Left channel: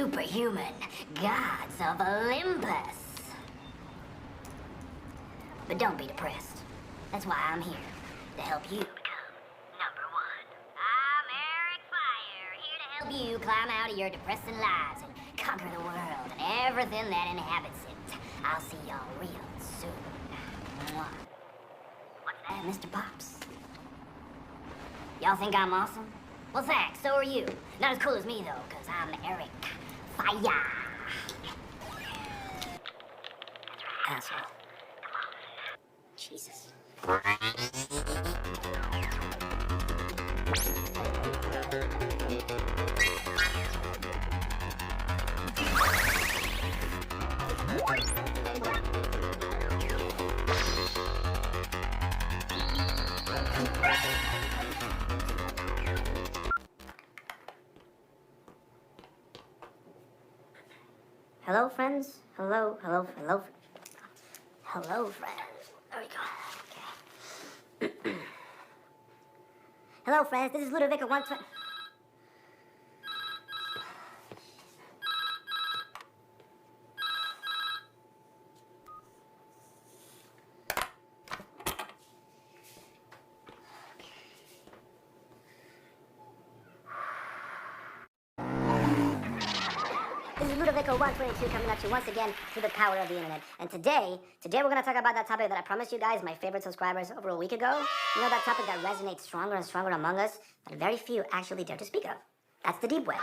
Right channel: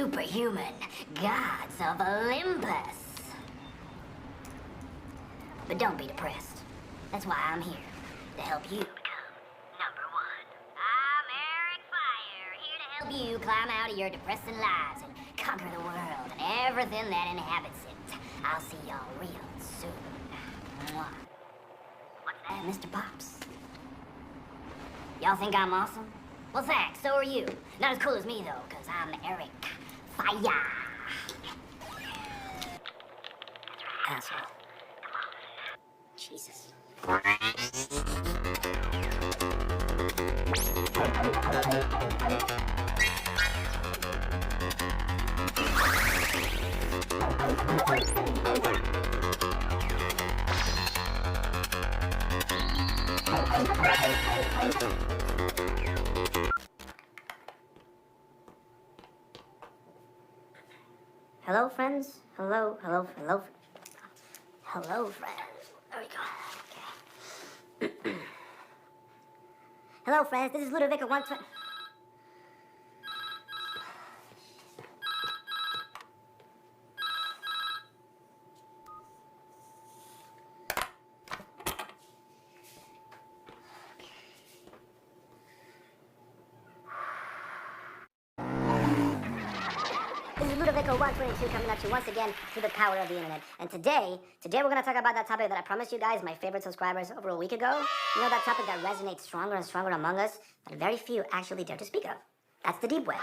superhuman gods of Olympus. But don't be depressed. That's why I'm here, to help you become number one. I'm Eric Fire, here to help you climb out of your depressing lives and conquer the world and everything that inhabits it. I'll see y'all real soon. Mwah. What's that, Mr. Pops? Y'all think I'm awesome? Well, thanks, so are you. Not as cool as me, though, because I'm Eric Fire. Asshole. Come on. Jesus. Hello, friends. Hello, friends. There we go. Okay. Hello, friends. This is Ludovico 120. This is Ludovico 122 coming at you once again through the power of the internet. And today we're going to talk about that topic that I promised you guys, my favorite subscribers, over a week ago. You know, that topic that resonates stronger and stronger among us, that very few actually dare to speak of. That's the deep web.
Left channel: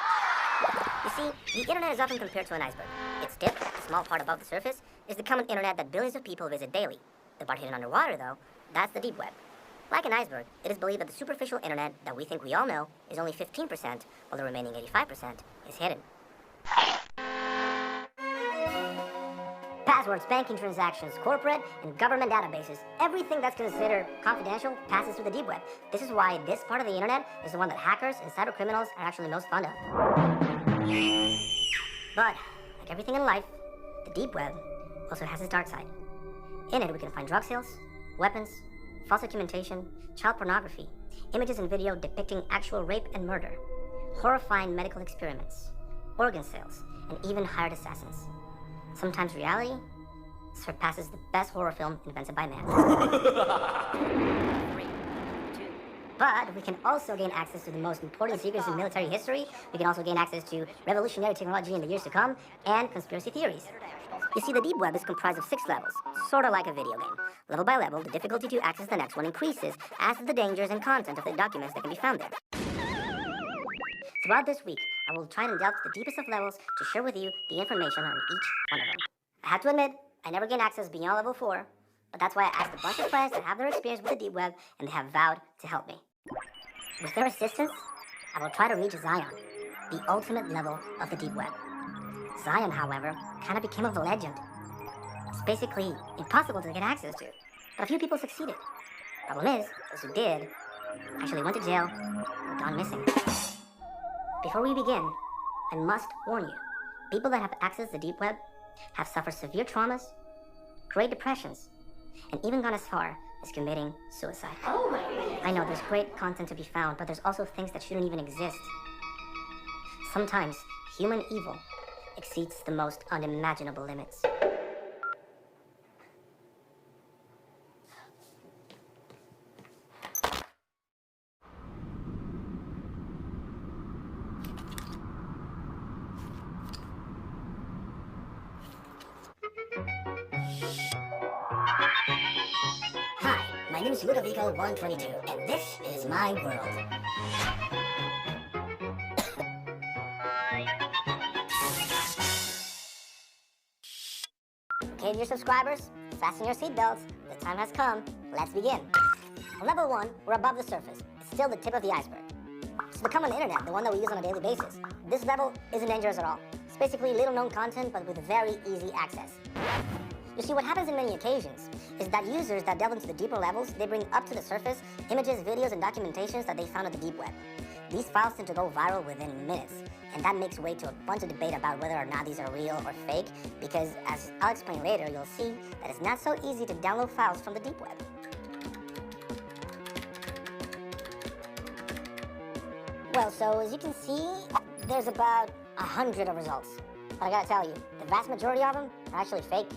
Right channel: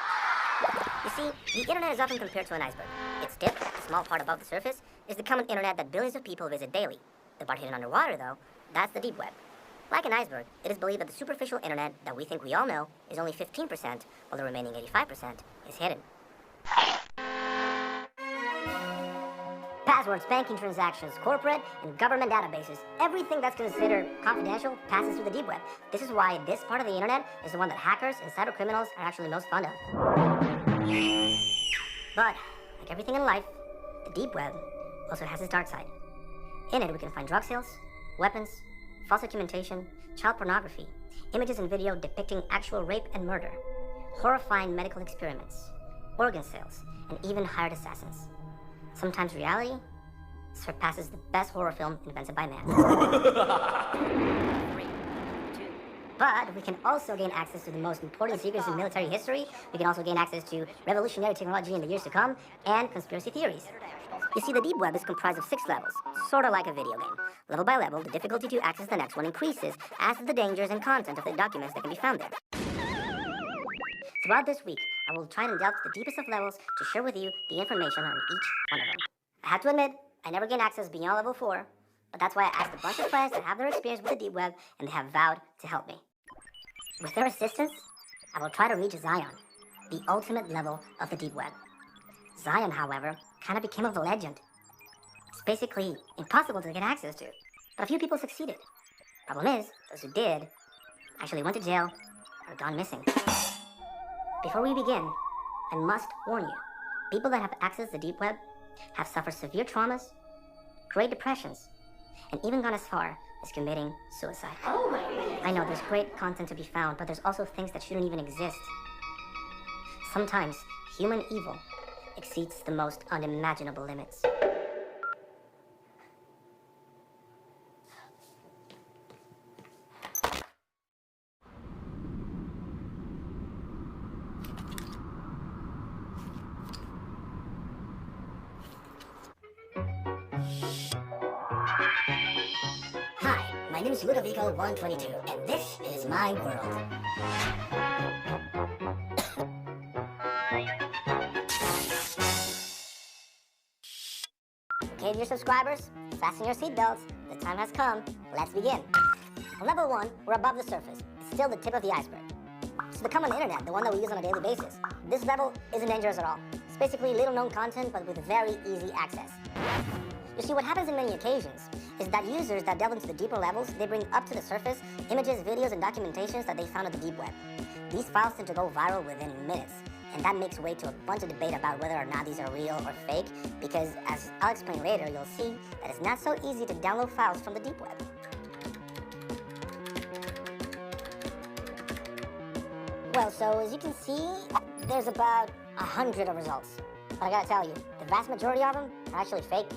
You see, the internet is often compared to an iceberg. Its tip, a small part above the surface, is the common internet that billions of people visit daily. The part hidden underwater, though, that's the deep web. Like an iceberg, it is believed that the superficial internet that we think we all know is only 15%, while the remaining 85% is hidden. Passwords, banking transactions, corporate and government databases, everything that's considered confidential passes through the deep web. This is why this part of the internet is the one that hackers and cybercriminals are actually most fond of. But, like everything in life, the deep web also has its dark side. In it, we can find drug sales, weapons, false documentation, child pornography, images and video depicting actual rape and murder, horrifying medical experiments, organ sales, and even hired assassins. Sometimes reality surpasses the best horror film invented by man. 3, 2. But we can also gain access to the most important secrets in military history. We can also gain access to revolutionary technology in the years to come, and conspiracy theories. You see, the deep web is comprised of 6 levels, sort of like a video game. Level by level, the difficulty to access the next one increases as the dangers and content of the documents that can be found there. Throughout this week, I will try and delve to the deepest of levels to share with you the information on each one of them. I have to admit, I never gained access beyond level 4, but that's why I asked a bunch of friends that have their experience with the deep web, and they have vowed to help me. With their assistance, I will try to reach Zion, the ultimate level of the deep web. Zion, however, kind of became a legend. It's basically impossible to get access to, but a few people succeeded. Problem is, those who did actually went to jail or gone missing. Before we begin, I must warn you, people that have accessed the deep web have suffered severe traumas, great depressions, and even gone as far as committing suicide. Oh my goodness. I know there's great content to be found, but there's also things that shouldn't even exist. Sometimes human evil exceeds the most unimaginable limits. Hi, my name is Ludovico 122, and this is my world. Okay, dear subscribers, fasten your seatbelts. The time has come. Let's begin. On level 1, we're above the surface. It's still the tip of the iceberg. It's the common internet, the one that we use on a daily basis. This level isn't dangerous at all. It's basically little known content, but with very easy access. You see, what happens in many occasions is that users that delve into the deeper levels, they bring up to the surface images, videos, and documentations that they found on the deep web. These files tend to go viral within minutes, and that makes way to a bunch of debate about whether or not these are real or fake, because as I'll explain later, you'll see that it's not so easy to download files from the deep web. Well, so as you can see, there's about 100 of results. But I gotta tell you, the vast majority of them are actually fake.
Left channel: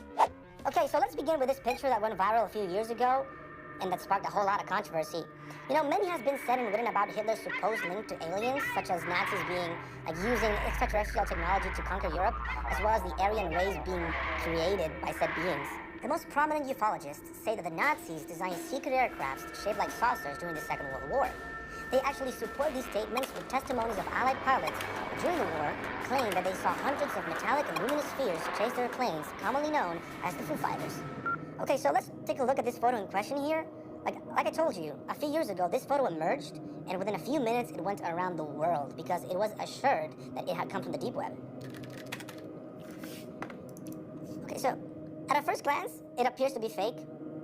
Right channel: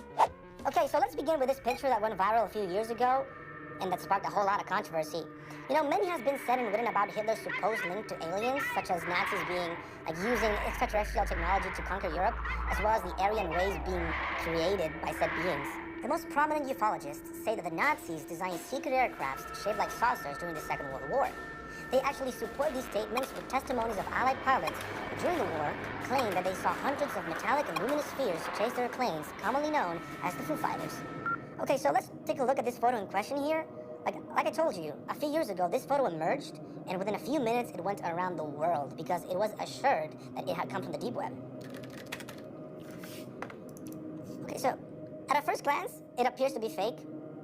Okay, so let's begin with this picture that went viral a few years ago and that sparked a whole lot of controversy. You know, many has been said and written about Hitler's supposed link to aliens, such as Nazis being using extraterrestrial technology to conquer Europe, as well as the Aryan race being created by said beings. The most prominent ufologists say that the Nazis designed secret aircrafts shaped like saucers during the Second World War. They actually support these statements with testimonies of Allied pilots who during the war claimed that they saw hundreds of metallic and luminous spheres chase their planes, commonly known as the Foo Fighters. Okay, so let's take a look at this photo in question here. Like I told you, a few years ago, this photo emerged, and within a few minutes, it went around the world because it was assured that it had come from the deep web. Okay, so at a first glance, it appears to be fake,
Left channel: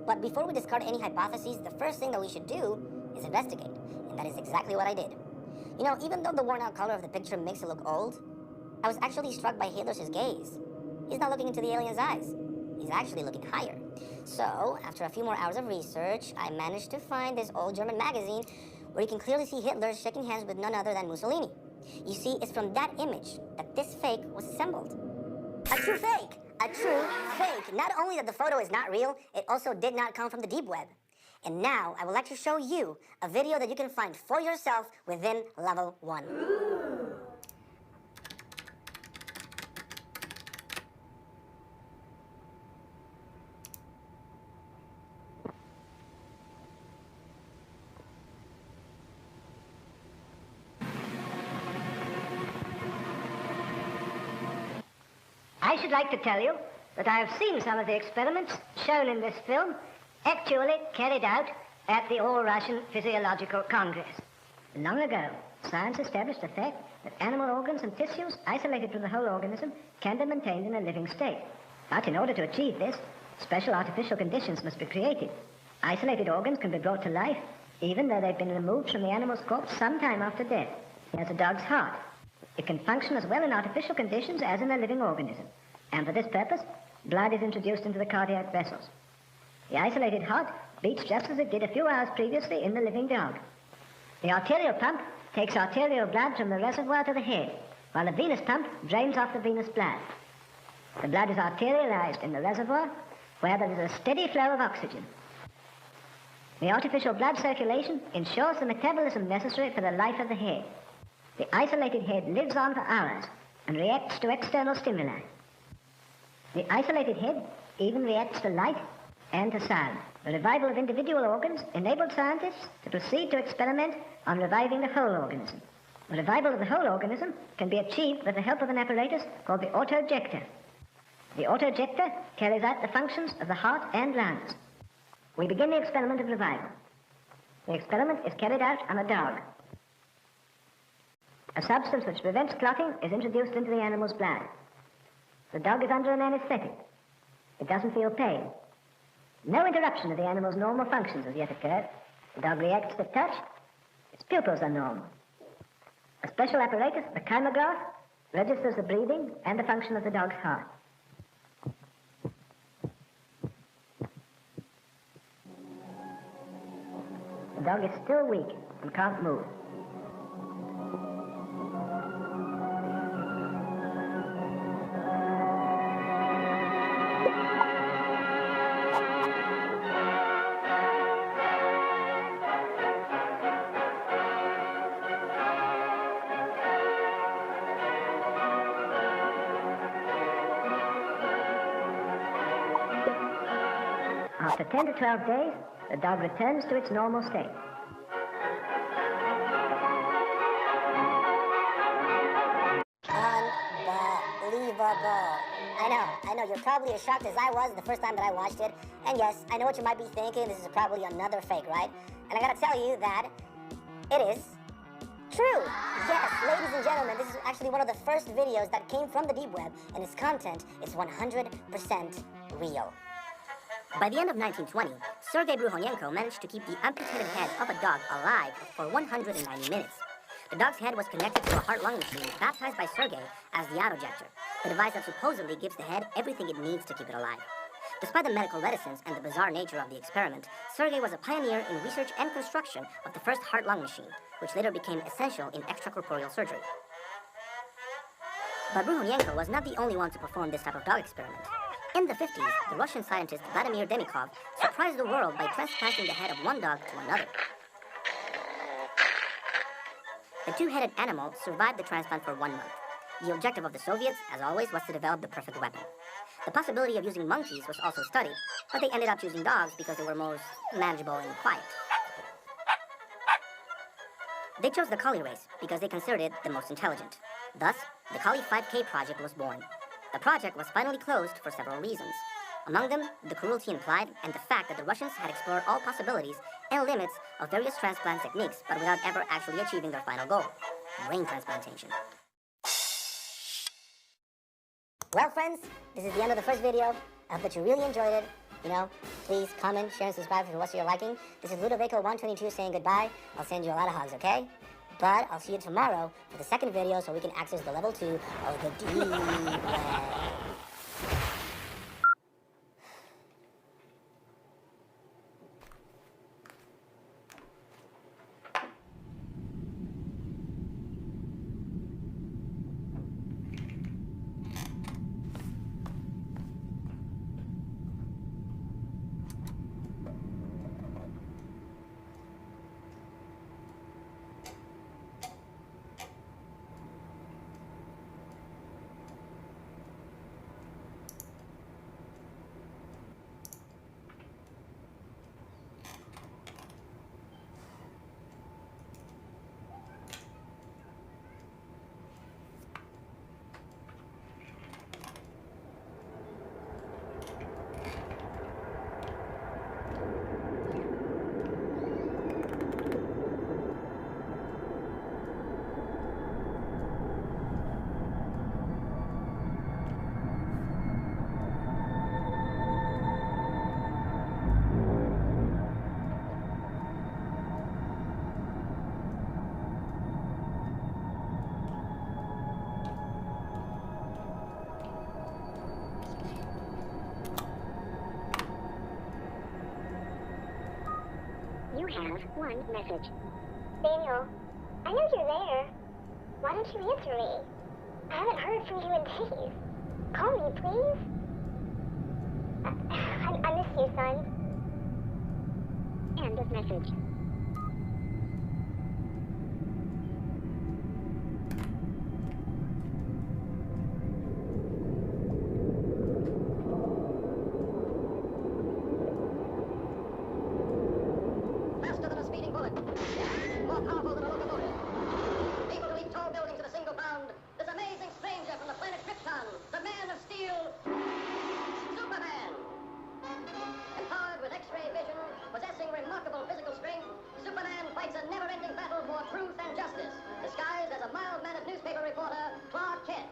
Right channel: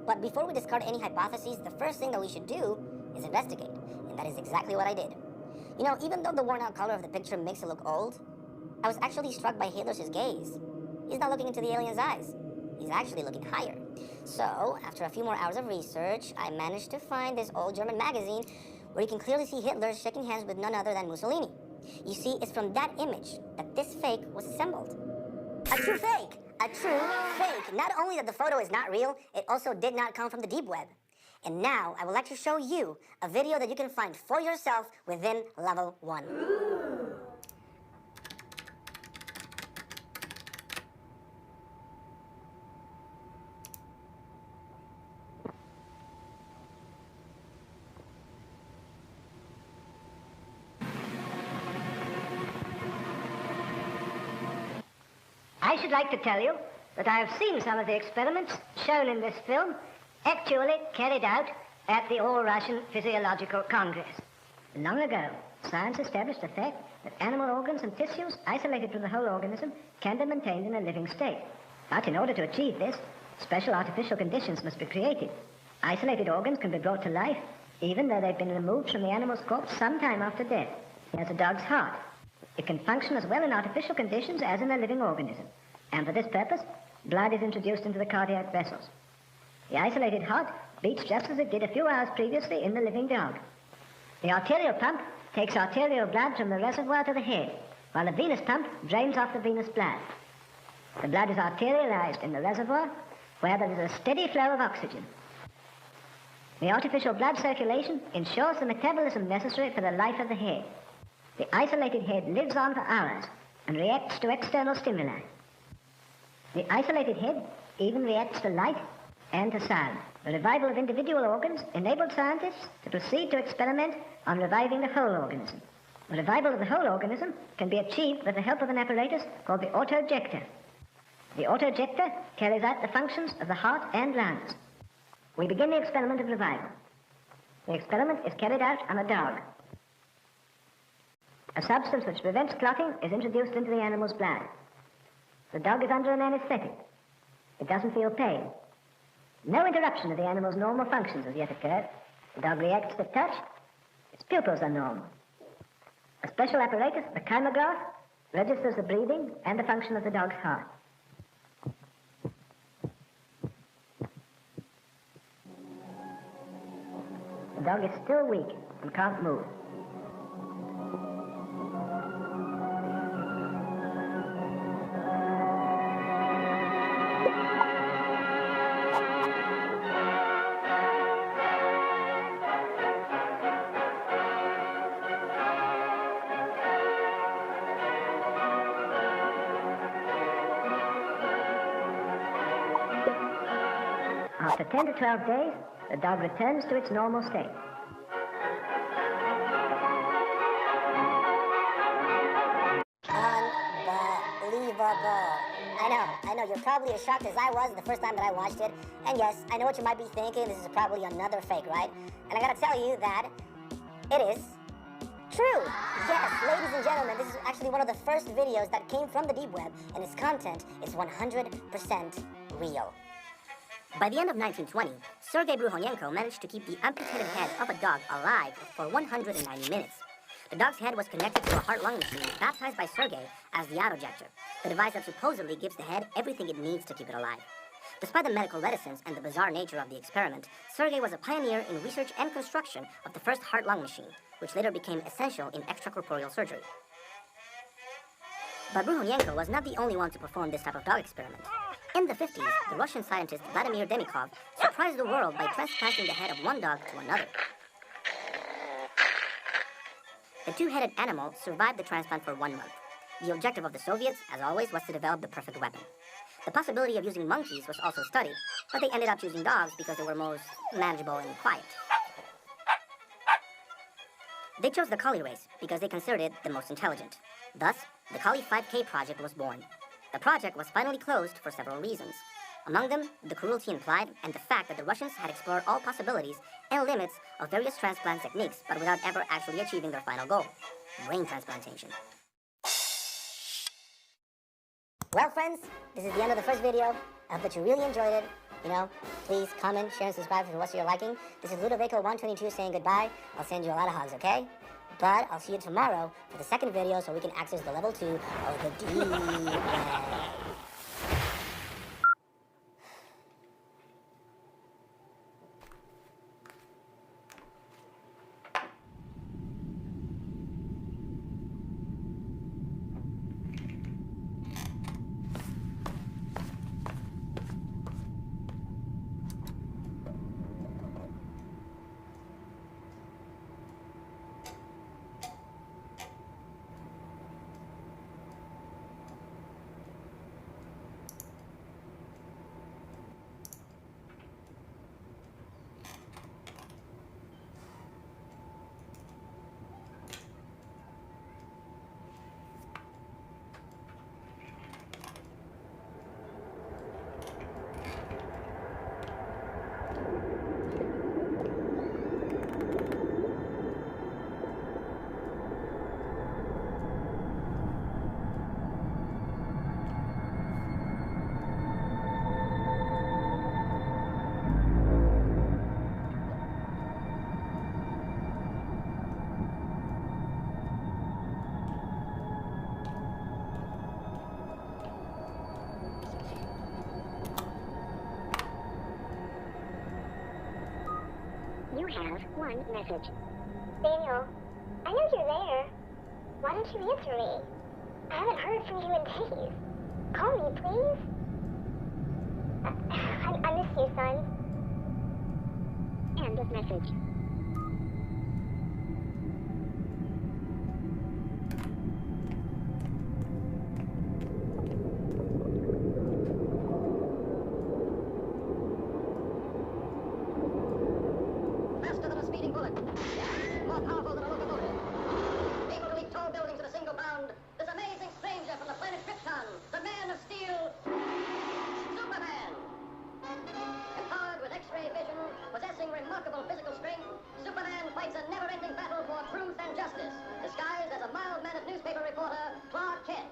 but before we discard any hypotheses, the first thing that we should do is investigate, and that is exactly what I did. You know, even though the worn-out color of the picture makes it look old, I was actually struck by Hitler's gaze. He's not looking into the alien's eyes. He's actually looking higher. So, after a few more hours of research, I managed to find this old German magazine where you can clearly see Hitler shaking hands with none other than Mussolini. You see, it's from that image that this fake was assembled. A true fake! A true fake! Not only that the photo is not real, it also did not come from the deep web. And now, I would like to show you a video that you can find for yourself within Level 1. I should like to tell you that I have seen some of the experiments shown in this film actually carried out at the All-Russian Physiological Congress. Long ago, science established the fact that animal organs and tissues isolated from the whole organism can be maintained in a living state. But in order to achieve this, special artificial conditions must be created. Isolated organs can be brought to life even though they've been removed from the animal's corpse some time after death. Here's a dog's heart. It can function as well in artificial conditions as in a living organism. And for this purpose, blood is introduced into the cardiac vessels. The isolated heart beats just as it did a few hours previously in the living dog. The arterial pump takes arterial blood from the reservoir to the head, while the venous pump drains off the venous blood. The blood is arterialized in the reservoir, where there is a steady flow of oxygen. The artificial blood circulation ensures the metabolism necessary for the life of the head. The isolated head lives on for hours and reacts to external stimuli. The isolated head even reacts to light and to sound. The revival of individual organs enabled scientists to proceed to experiment on reviving the whole organism. The revival of the whole organism can be achieved with the help of an apparatus called the autojector. The autojector carries out the functions of the heart and lungs. We begin the experiment of revival. The experiment is carried out on a dog. A substance which prevents clotting is introduced into the animal's blood. The dog is under an anesthetic. It doesn't feel pain. No interruption of the animal's normal functions has yet occurred. The dog reacts to touch. Its pupils are normal. A special apparatus, the kymograph, registers the breathing and the function of the dog's heart. The dog is still weak and can't move. After 10 to 12 days, the dog returns to its normal state. Unbelievable. I know, you're probably as shocked as I was the first time that I watched it. And yes, I know what you might be thinking, this is probably another fake, right? And I gotta tell you that it is true. Yes, ladies and gentlemen, this is actually one of the first videos that came from the deep web, and its content is 100% real. By the end of 1920, Sergei Bruhonenko managed to keep the amputated head of a dog alive for 190 minutes. The dog's head was connected to a heart-lung machine baptized by Sergei as the autojector, the device that supposedly gives the head everything it needs to keep it alive. Despite the medical reticence and the bizarre nature of the experiment, Sergei was a pioneer in research and construction of the first heart-lung machine, which later became essential in extracorporeal surgery. But Bruhonenko was not the only one to perform this type of dog experiment. In the 50s, the Russian scientist Vladimir Demikov surprised the world by transplanting the head of one dog to another. The two-headed animal survived the transplant for 1 month. The objective of the Soviets, as always, was to develop the perfect weapon. The possibility of using monkeys was also studied, but they ended up choosing dogs because they were most manageable and quiet. They chose the collie race because they considered it the most intelligent. Thus, the Collie 5K project was born. The project was finally closed for several reasons. Among them, the cruelty implied and the fact that the Russians had explored all possibilities and limits of various transplant techniques, but without ever actually achieving their final goal, brain transplantation. Well, friends, this is the end of the first video. I hope that you really enjoyed it. Please comment, share, and subscribe for the rest of your liking. This is Ludovico122 saying goodbye. I'll send you a lot of hugs, okay? But I'll see you tomorrow for the second video so we can access the level 2 of the deep web. You have one message. Daniel, I know you're there. Why don't you answer me? I haven't heard from you in days. Call me, please. I miss you, son. End of message. Faster than a speeding bullet. More powerful than a locomotive. Able to leap tall buildings at a single bound. This amazing stranger from the planet Krypton. The Man of Steel. Superman. Empowered with X-ray vision, possessing remarkable physical strength, Superman fights a never-ending battle for truth and justice. Disguised as a mild-mannered newspaper reporter, Clark Kent.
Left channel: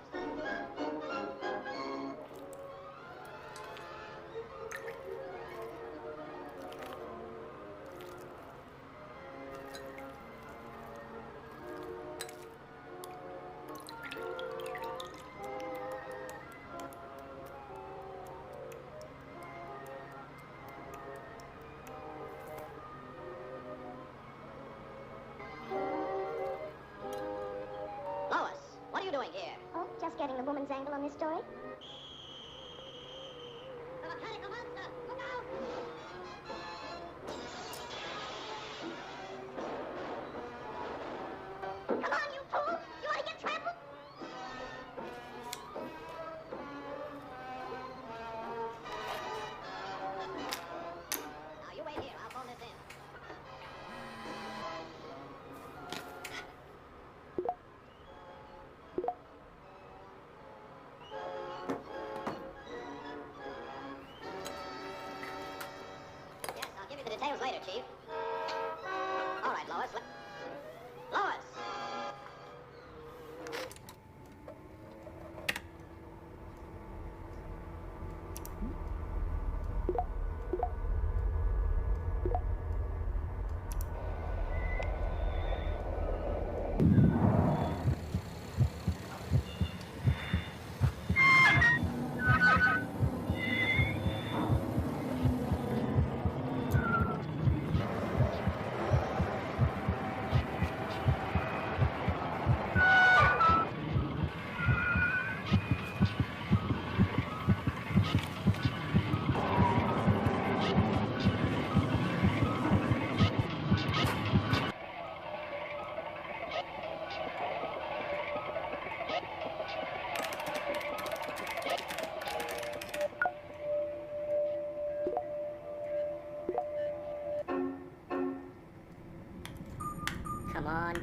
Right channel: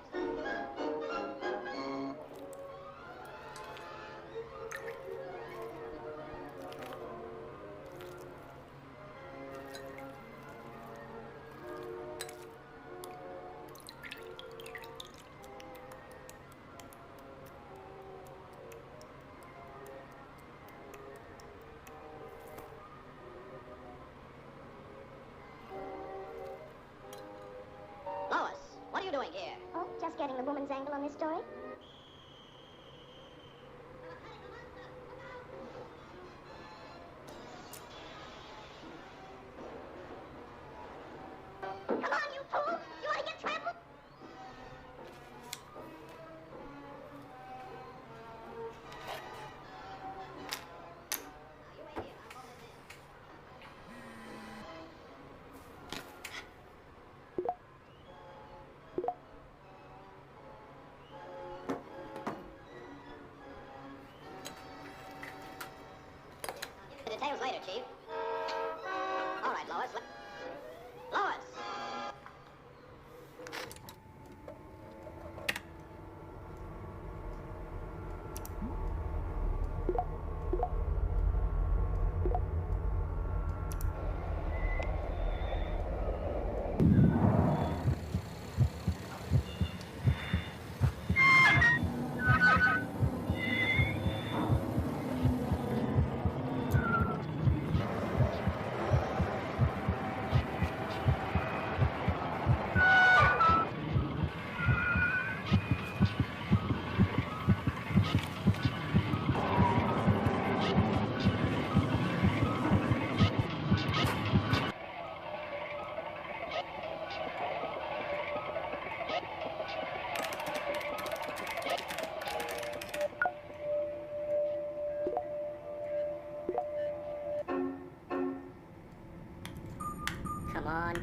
Lois, what are you doing here? Oh, just getting the woman's angle on this story. The mechanical monster! Look out! Come on, you fool! You want to get trampled? Now you wait here. I'll phone this in. Yes, I'll give you the details later, Chief. All right, Lois. Lois! on.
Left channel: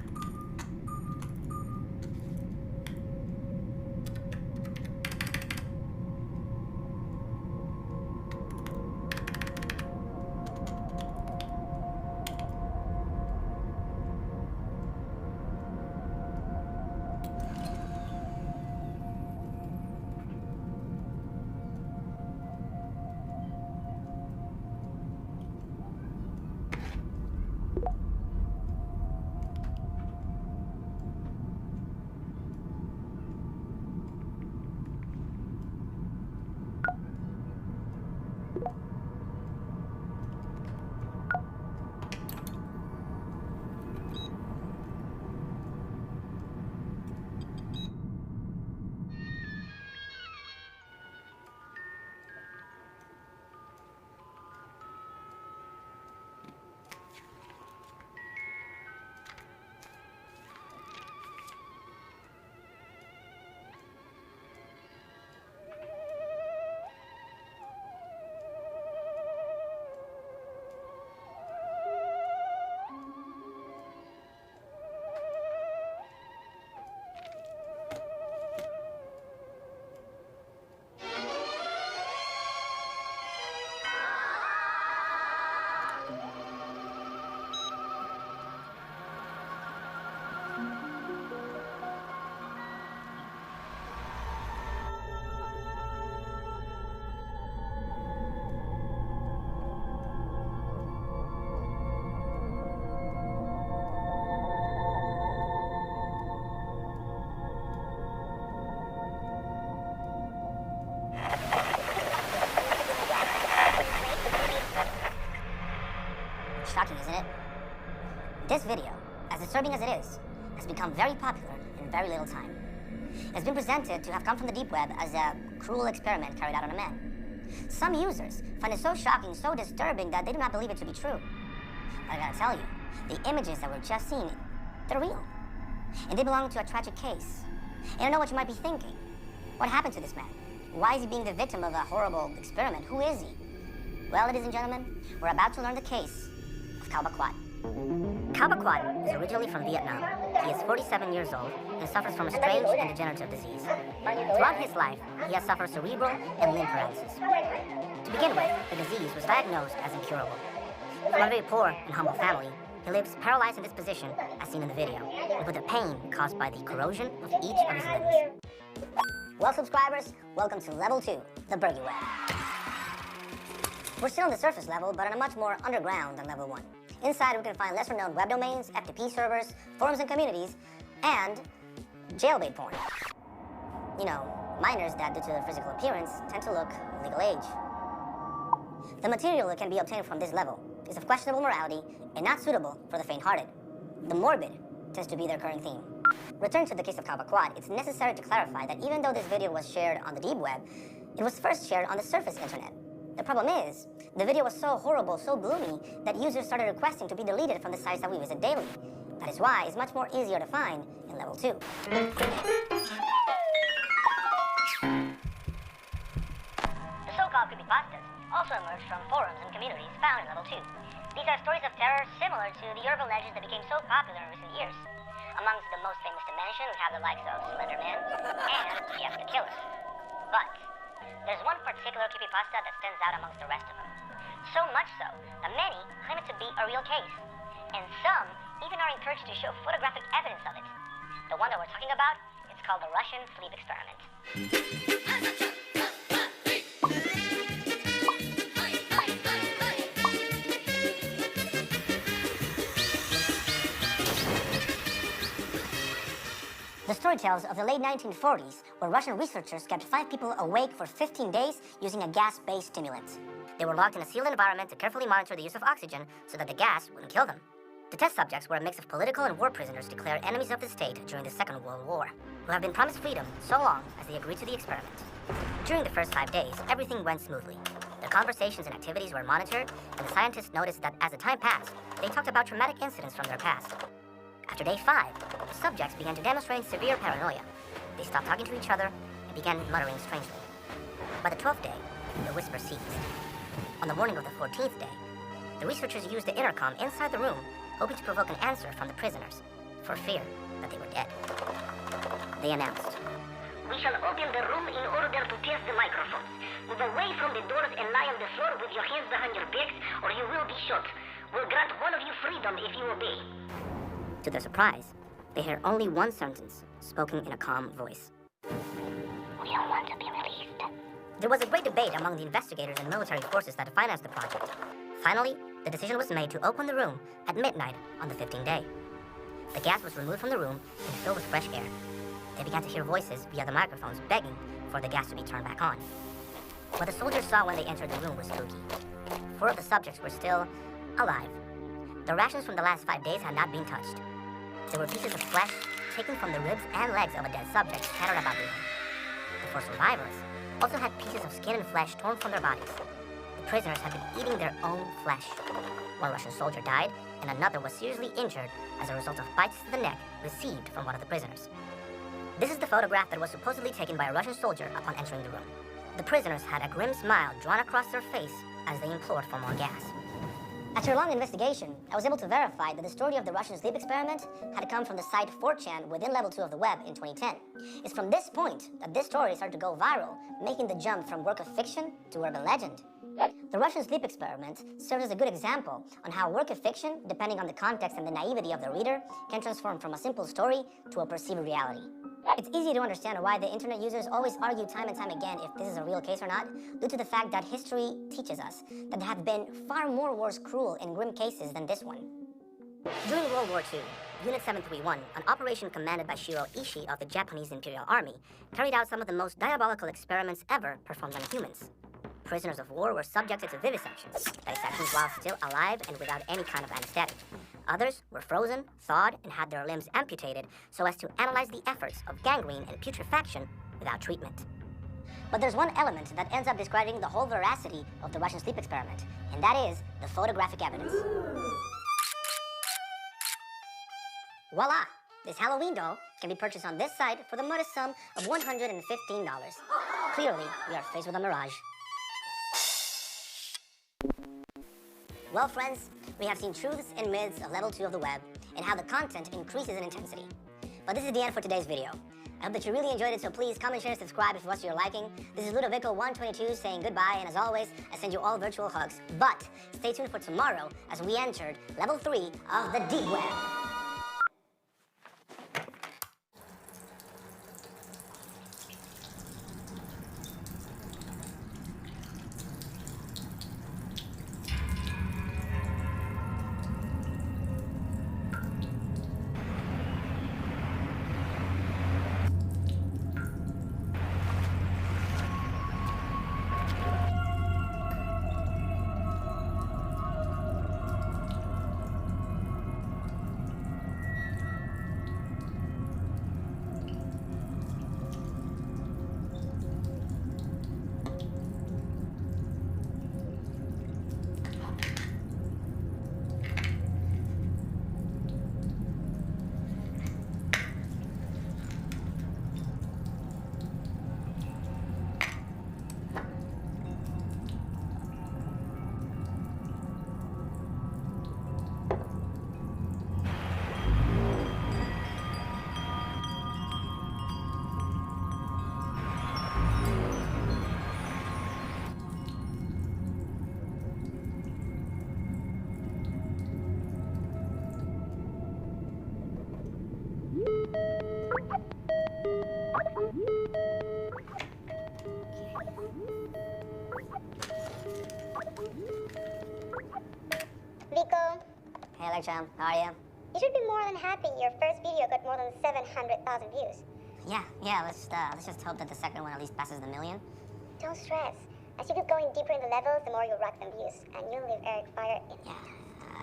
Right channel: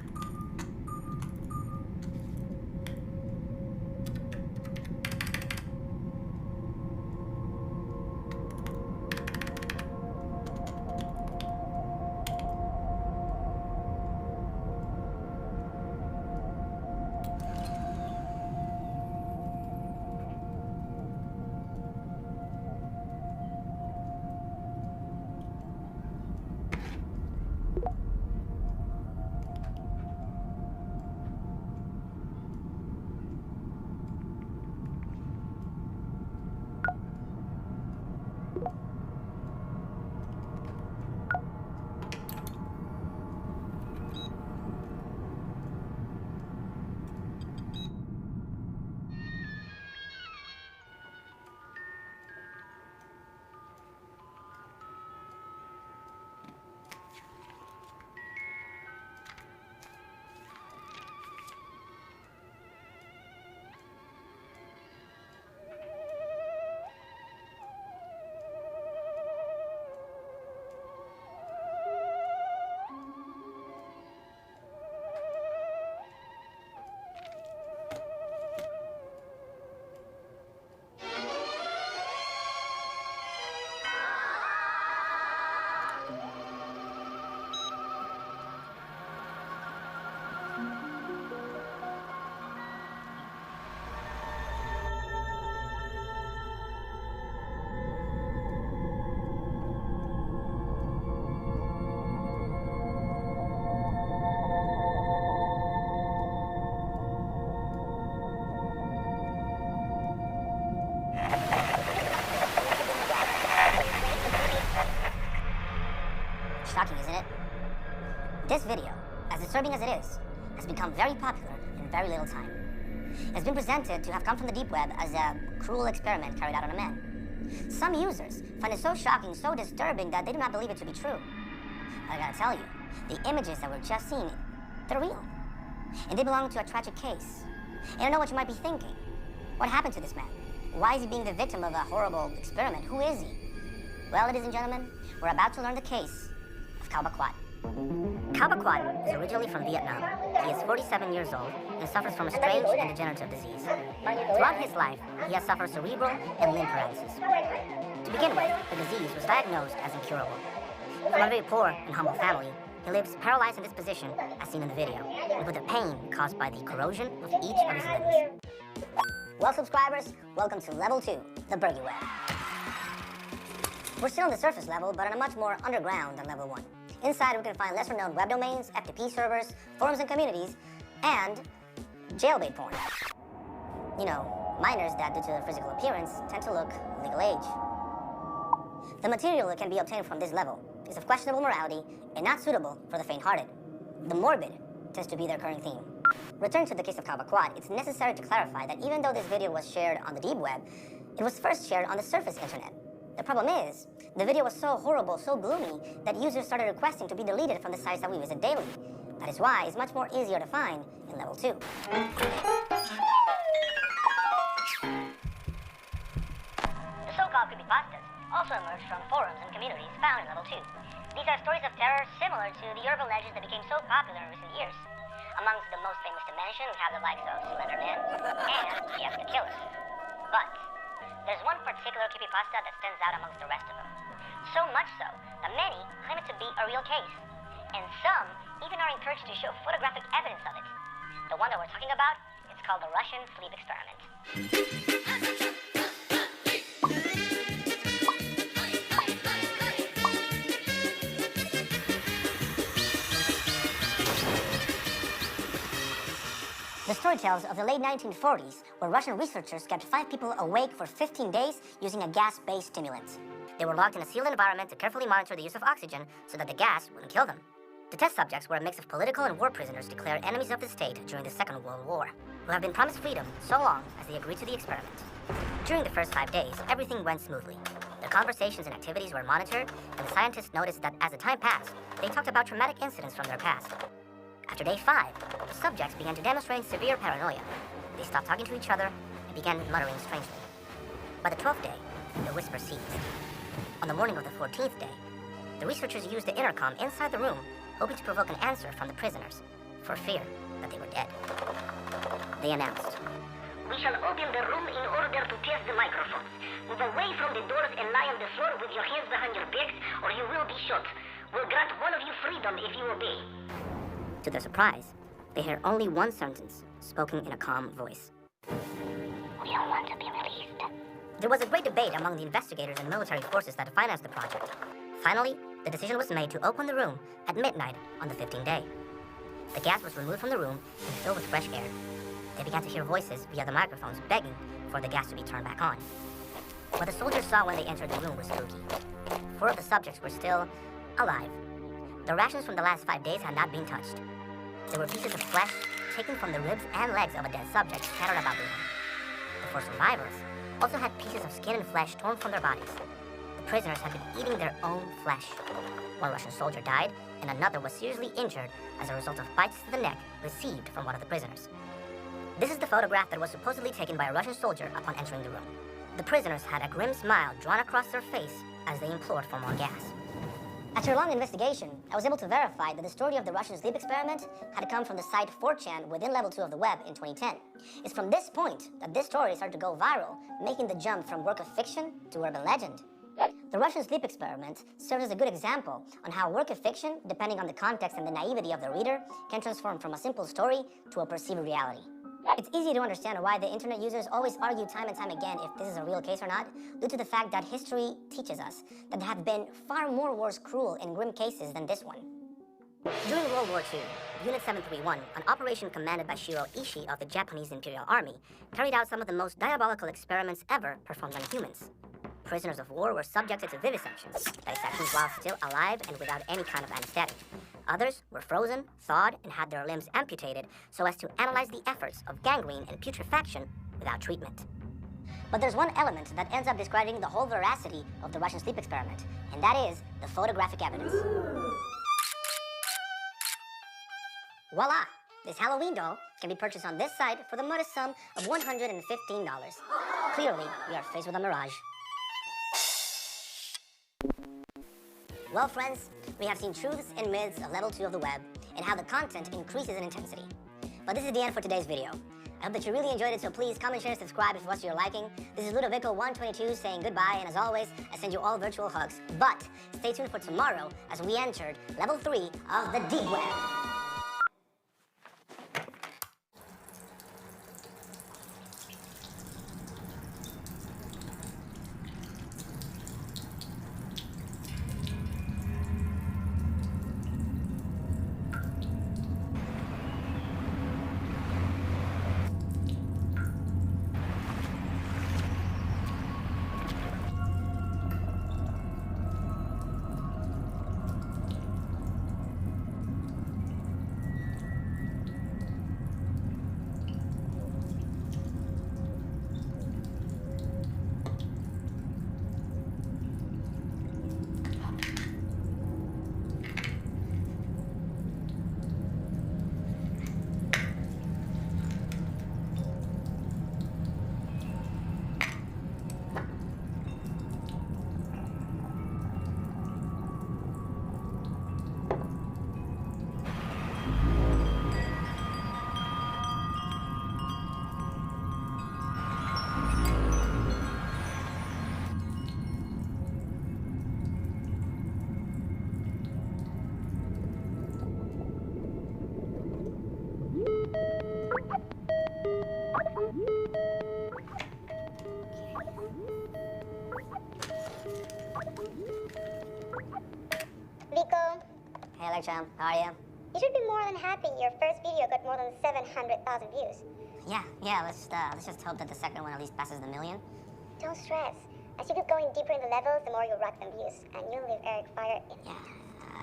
Shocking, isn't it? This video, as disturbing as it is, has become very popular in very little time. It's been presented to have come from the deep web as a cruel experiment carried out on a man. Some users find it so shocking, so disturbing that they do not believe it to be true. But I gotta tell you, the images that we're just seeing, they're real. And they belong to a tragic case. And I know what you might be thinking. What happened to this man? Why is he being the victim of a horrible experiment? Who is he? Well, ladies and gentlemen, we're about to learn the case of Cao Baquat. Cao Baquat is originally from Vietnam. He is 47 years old and suffers from a strange and degenerative disease. Throughout his life, he has suffered cerebral and limb paralysis. To begin with, the disease was diagnosed as incurable. From a very poor and humble family, he lives paralyzed in this position, as seen in the video, and with the pain caused by the corrosion of each of his limbs. Well, subscribers, welcome to Level 2, the Bergy Web. We're still on the surface level, but on a much more underground than Level 1. Inside, we can find lesser-known web domains, FTP servers, forums and communities, and jailbait porn. You know, minors that, due to their physical appearance, tend to look legal age. The material that can be obtained from this level is of questionable morality and not suitable for the faint-hearted. The morbid tends to be their current theme. Returning to the case of Cao Baquat, it's necessary to clarify that even though this video was shared on the deep web, it was first shared on the surface internet. The problem is, the video was so horrible, so gloomy, that users started requesting to be deleted from the sites that we visit daily. That is why it's much more easier to find in Level 2. The so-called creepypastas also emerged from forums and communities found in Level 2. These are stories of terror similar to the urban legends that became so popular in recent years. Amongst the most famous to mention, we have the likes of Slender Man and Jeff the Killer. But there's one particular creepypasta that stands out amongst the rest of them. So much so that many claim it to be a real case. And some even are encouraged to show photographic evidence of it. The one that we're talking about, it's called the Russian sleep experiment. The story tells of the late 1940s, where Russian researchers kept 5 people awake for 15 days using a gas-based stimulant. They were locked in a sealed environment to carefully monitor the use of oxygen so that the gas wouldn't kill them. The test subjects were a mix of political and war prisoners declared enemies of the state during the Second World War, who have been promised freedom so long as they agreed to the experiment. During the first 5 days, everything went smoothly. Their conversations and activities were monitored, and the scientists noticed that as the time passed, they talked about traumatic incidents from their past. After day 5, the subjects began to demonstrate severe paranoia. They stopped talking to each other and began muttering strangely. By the 12th day, the whisper ceased. On the morning of the 14th day, the researchers used the intercom inside the room, hoping to provoke an answer from the prisoners. for fear that they were dead. They announced, "We shall open the room in order to test the microphones. Move away from the doors and lie on the floor with your hands behind your backs, or you will be shot. We'll grant one of you freedom if you obey." To their surprise, they heard only one sentence, spoken in a calm voice. We don't want to be released. There was a great debate among the investigators and military forces that financed the project. Finally, the decision was made to open the room at midnight on the 15th day. The gas was removed from the room and filled with fresh air. They began to hear voices via the microphones begging for the gas to be turned back on. What the soldiers saw when they entered the room was spooky. 4 of the subjects were still alive. The rations from the last 5 days had not been touched. There were pieces of flesh taken from the ribs and legs of a dead subject scattered about the room. The 4 survivors also had pieces of skin and flesh torn from their bodies. The prisoners had been eating their own flesh. One Russian soldier died, and another was seriously injured as a result of bites to the neck received from one of the prisoners. This is the photograph that was supposedly taken by a Russian soldier upon entering the room. The prisoners had a grim smile drawn across their face as they implored for more gas. After a long investigation, I was able to verify that the story of the Russian sleep experiment had come from the site 4chan within Level 2 of the web in 2010. It's from this point that this story started to go viral, making the jump from work of fiction to urban legend. The Russian sleep experiment serves as a good example on how work of fiction, depending on the context and the naivety of the reader, can transform from a simple story to a perceived reality. It's easy to understand why the internet users always argue time and time again if this is a real case or not, due to the fact that history teaches us that there have been far more worse cruel and grim cases than this one. During World War II, Unit 731, an operation commanded by Shiro Ishii of the Japanese Imperial Army, carried out some of the most diabolical experiments ever performed on humans. Prisoners of war were subjected to vivisections while still alive and without any kind of anesthetic. Others were frozen, thawed, and had their limbs amputated so as to analyze the efforts of gangrene and putrefaction without treatment. But there's one element that ends up describing the whole veracity of the Russian sleep experiment, and that is the photographic evidence. Voila! This Halloween doll can be purchased on this site for the modest sum of $115. Clearly, we are faced with a mirage. Well, friends, we have seen truths and myths of Level 2 of the web and how the content increases in intensity. But this is the end for today's video. I hope that you really enjoyed it, so please comment, share, and subscribe if it was to your liking. This is Ludovico122 saying goodbye, and as always, I send you all virtual hugs. But stay tuned for tomorrow as we entered Level 3 of the Deep Web. Vico, Hey, Electron, how are you? you should be more than happy your first video got more than 700,000 views. Yeah, let's just hope that the second one at least passes the million. Don't stress. As you keep going deeper in the levels, the more you'll rack them views, and you'll leave Eric Fire in. Yeah,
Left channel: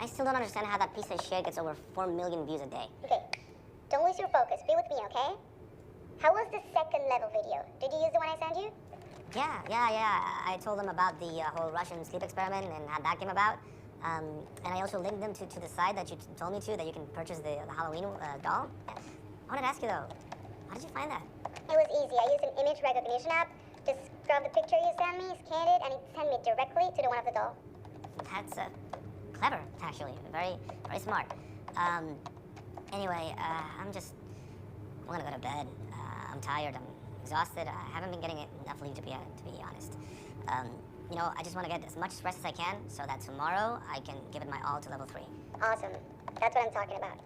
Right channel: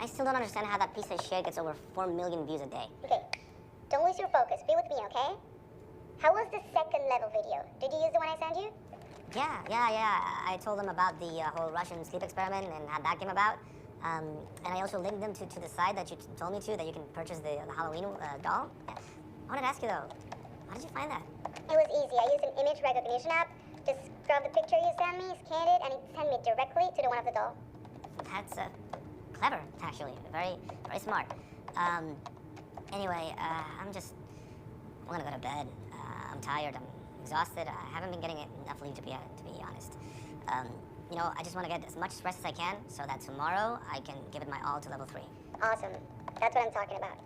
I still don't understand how that piece of shit gets over 4 million views a day. Okay, don't lose your focus. Be with me, okay? How was the second level video? Did you use the one I sent you? Yeah. I told them about the whole Russian sleep experiment and how that came about. And I also linked them to the site that you told me to, that you can purchase the Halloween doll. I wanted to ask you though, how did you find that? It was easy. I used an image recognition app. Just grab the picture you sent me, scanned it, and it sent me directly to the one of the doll. That's clever, actually. Very smart. Anyway, I'm gonna go to bed. I'm tired. I'm exhausted. I haven't been getting enough sleep to be honest. I just want to get as much rest as I can so that tomorrow I can give it my all to level 3. Awesome. That's what I'm talking about.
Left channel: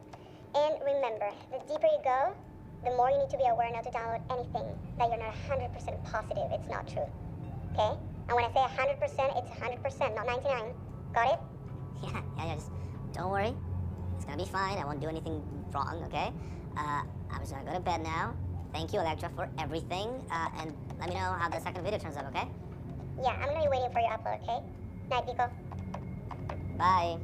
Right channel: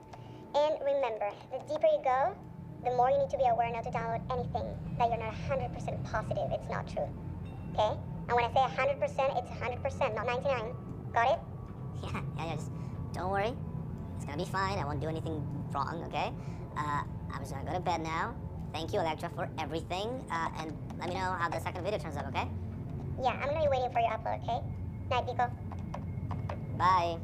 And remember, the deeper you go, the more you need to be aware not to download anything that you're not 100% positive it's not true. Okay? And when I say 100%, it's 100%, not 99. Got it? Yeah, just don't worry. It's gonna be fine. I won't do anything wrong, okay? I'm just gonna go to bed now. Thank you, Electra, for everything. And let me know how the second video turns out, okay? Yeah, I'm gonna be waiting for your upload, okay? Night, Pico. Bye.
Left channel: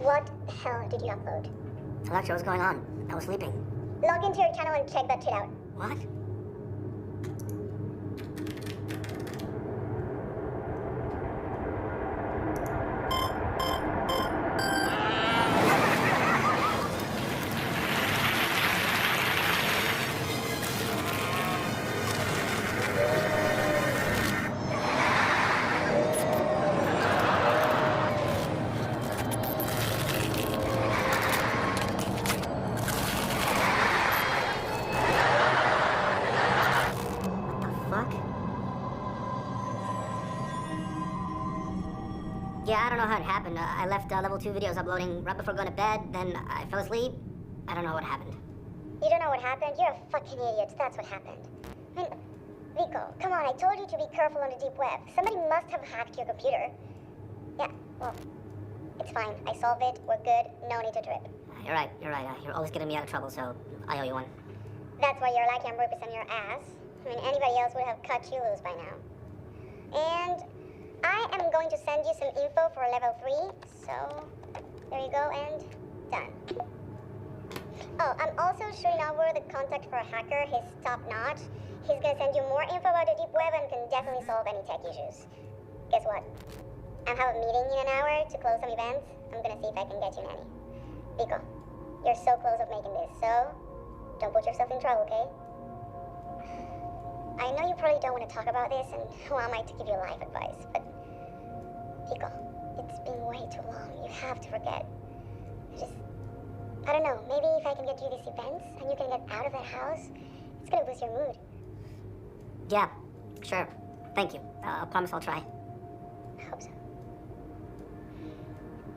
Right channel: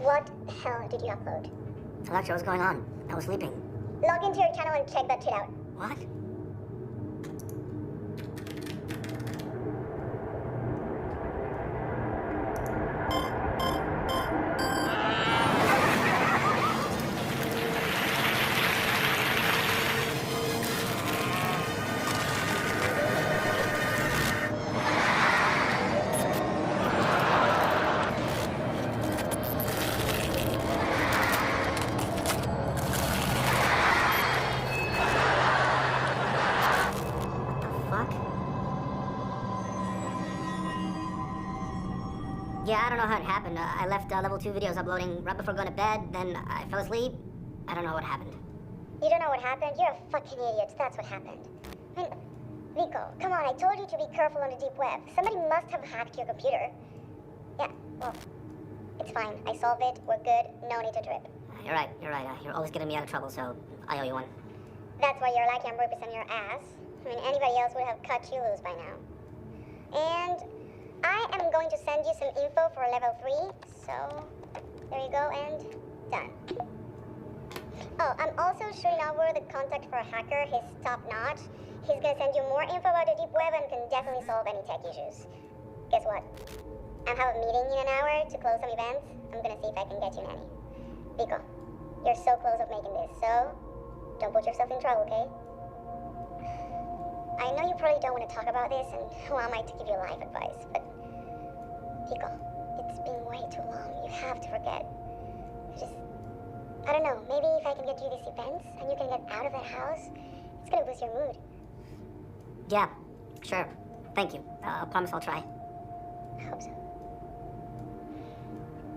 What the hell did you upload? Electra, what's going on? I was sleeping. Log into your channel and check that shit out. What? Fuck? Yeah, I don't know how it happened. I left level 2 videos uploading right before going to bed, then I fell asleep. I don't know what happened. You don't know what happened? You're a fucking idiot. That's what happened. I mean, Vico, come on, I told you to be careful on the deep web. Somebody must have hacked your computer. Yeah, well, it's fine. I solved it. We're good. No need to drip. You're right. You're always getting me out of trouble, so I owe you one. That's why you're lucky I'm representing your ass. I mean, anybody else would have cut you loose by now. And I am going to send you some info for level 3. So, there you go, and done. Oh, I'm also shooting over the contact for a hacker. He's top-notch. He's gonna send you more info about the deep web and can definitely solve any tech issues. Guess what? I have a meeting in an hour to close some events. I'm gonna see if I can get you Nanny. Vico, you're so close of making this, so don't put yourself in trouble, okay? I know you probably don't want to talk about this, and who am I to give you life advice, but Vico, it's been way too long. You have to forget. I don't know, maybe if I can get you these events and you can get out of that house, it's gonna boost your mood. Yeah, sure. Thank you. I promise I'll try. I hope so.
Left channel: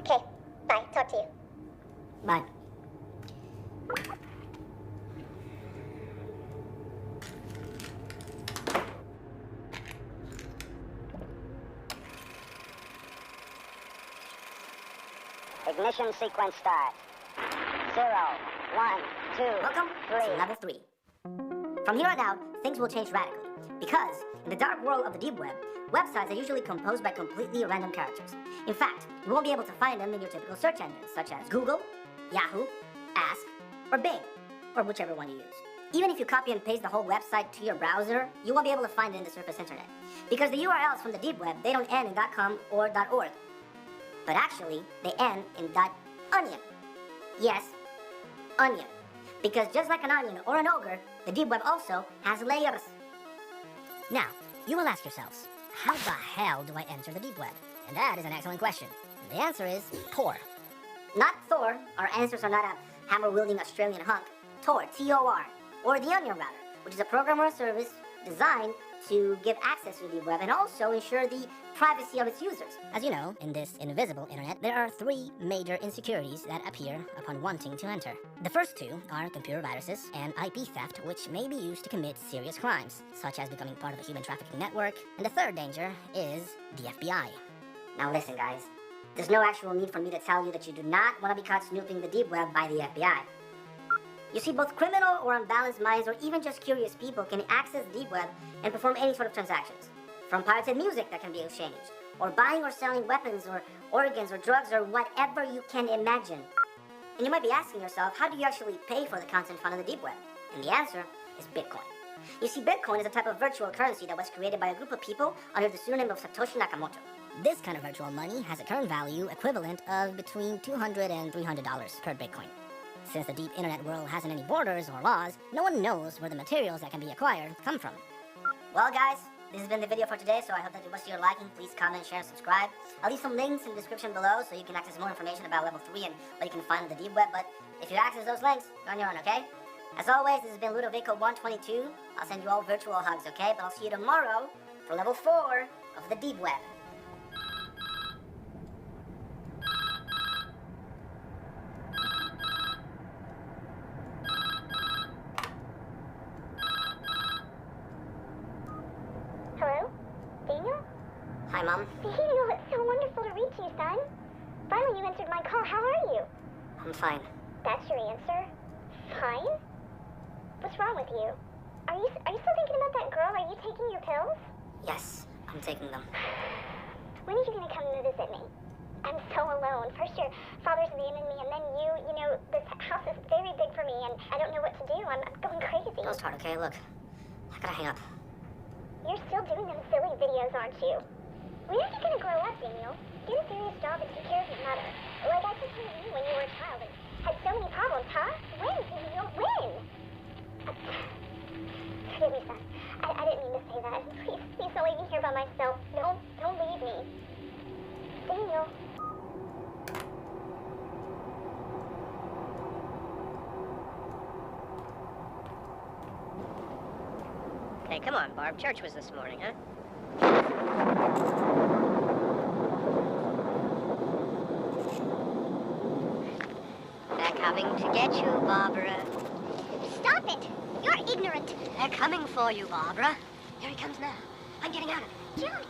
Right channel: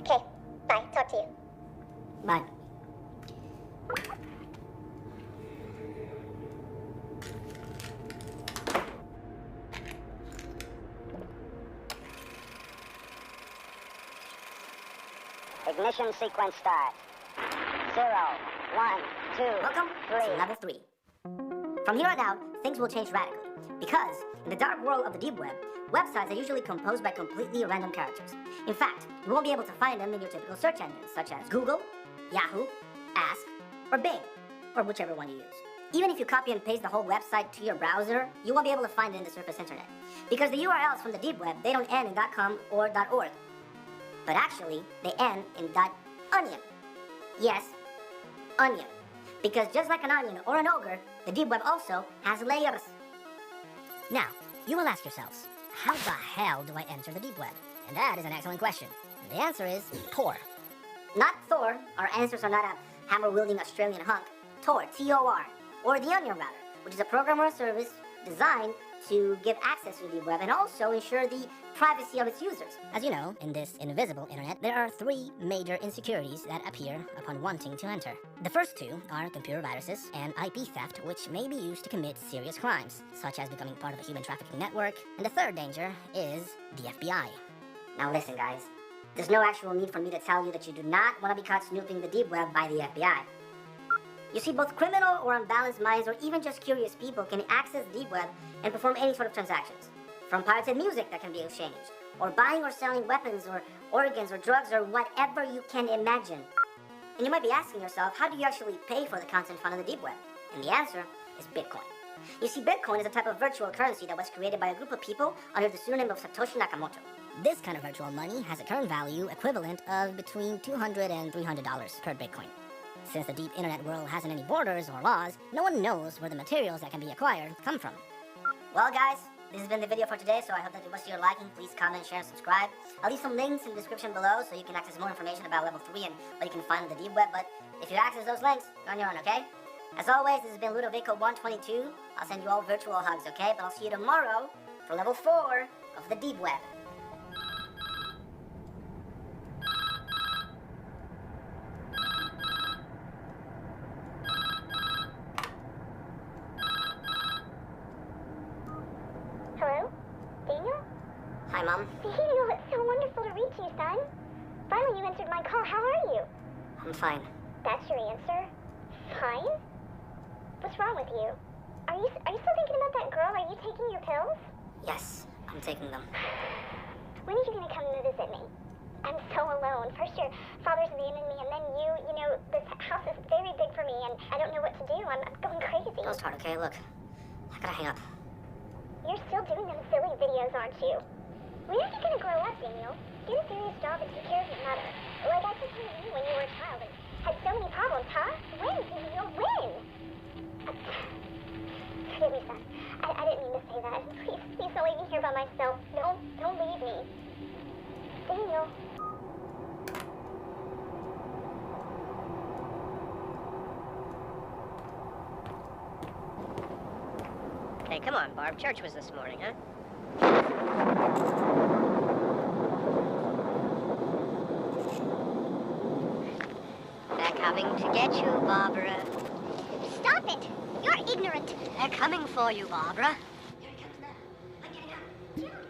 Okay, bye. Talk to you. Bye. Ignition sequence start. 0, 1, 2, Welcome 3. to level 3. From here on out, things will change radically. Because, in the dark world of the deep web, websites are usually composed by completely random characters. In fact, you won't be able to find them in your typical search engines, such as Google, Yahoo, Ask, or Bing, or whichever one you use. Even if you copy and paste the whole website to your browser, you won't be able to find it in the surface internet. Because the URLs from the deep web, they don't end in .com or .org. But actually, they end in .onion. Yes, onion. Because just like an onion or an ogre, the deep web also has layers. Now, you will ask yourselves, how the hell do I enter the deep web? And that is an excellent question. And the answer is Tor. Not Thor. Our ancestors are not a hammer-wielding Australian hunk. Tor, T-O-R, or the Onion Router, which is a program or a service designed to give access to the deep web and also ensure the privacy of its users. As you know, in this invisible internet, there are three major insecurities that appear upon wanting to enter. The first two are computer viruses and IP theft, which may be used to commit serious crimes, such as becoming part of a human trafficking network. And the third danger is the FBI. Now listen, guys. There's no actual need for me to tell you that you do not want to be caught snooping the deep web by the FBI. You see, both criminal or unbalanced minds, or even just curious people, can access the deep web and perform any sort of transactions. From pirated music that can be exchanged, or buying or selling weapons or organs or drugs or whatever you can imagine. And you might be asking yourself, how do you actually pay for the content found on the deep web? And the answer is Bitcoin. You see, Bitcoin is a type of virtual currency that was created by a group of people under the pseudonym of Satoshi Nakamoto. This kind of virtual money has a current value equivalent of between $200 and $300 per Bitcoin. Since the deep internet world hasn't any borders or laws, no one knows where the materials that can be acquired come from. Well, guys, this has been the video for today, so I hope that it was to your liking. Please comment, share, and subscribe. I'll leave some links in the description below so you can access more information about Level 3 and what you can find on the deep web, but if you access those links, go on your own, okay? As always, this has been Ludovico122. I'll send you all virtual hugs, okay? But I'll see you tomorrow for Level 4 of the deep web. Hello? Daniel? Hi, Mom. Daniel, it's so wonderful to reach you, son. Finally, you answered my call. How are you? I'm fine. That's your answer? Fine? What's wrong with you? Are you still thinking about that girl? Are you taking your pills? Yes, I'm taking them. When are you going to come to visit me? I'm so alone. First your father's abandoned me, and then you know, this house is very big for me, and I don't know what to do. I'm going crazy. Don't start, okay? Look, I gotta hang up. You're still doing them silly videos, aren't you? When are you going to grow up, Daniel? Get a serious job and take care of your mother. Like I took care of you when you were a child and had so many problems, huh? When, Daniel? When? Forgive me, son. I didn't mean to say that. Please don't leave me here by myself. Don't leave me. Daniel. Hey, come on, Barb. Church was this morning, huh? They're coming to get you, Barbara. Stop it! You're ignorant. They're coming for you, Barbara. Here he comes now. I'm getting out of it. Johnny.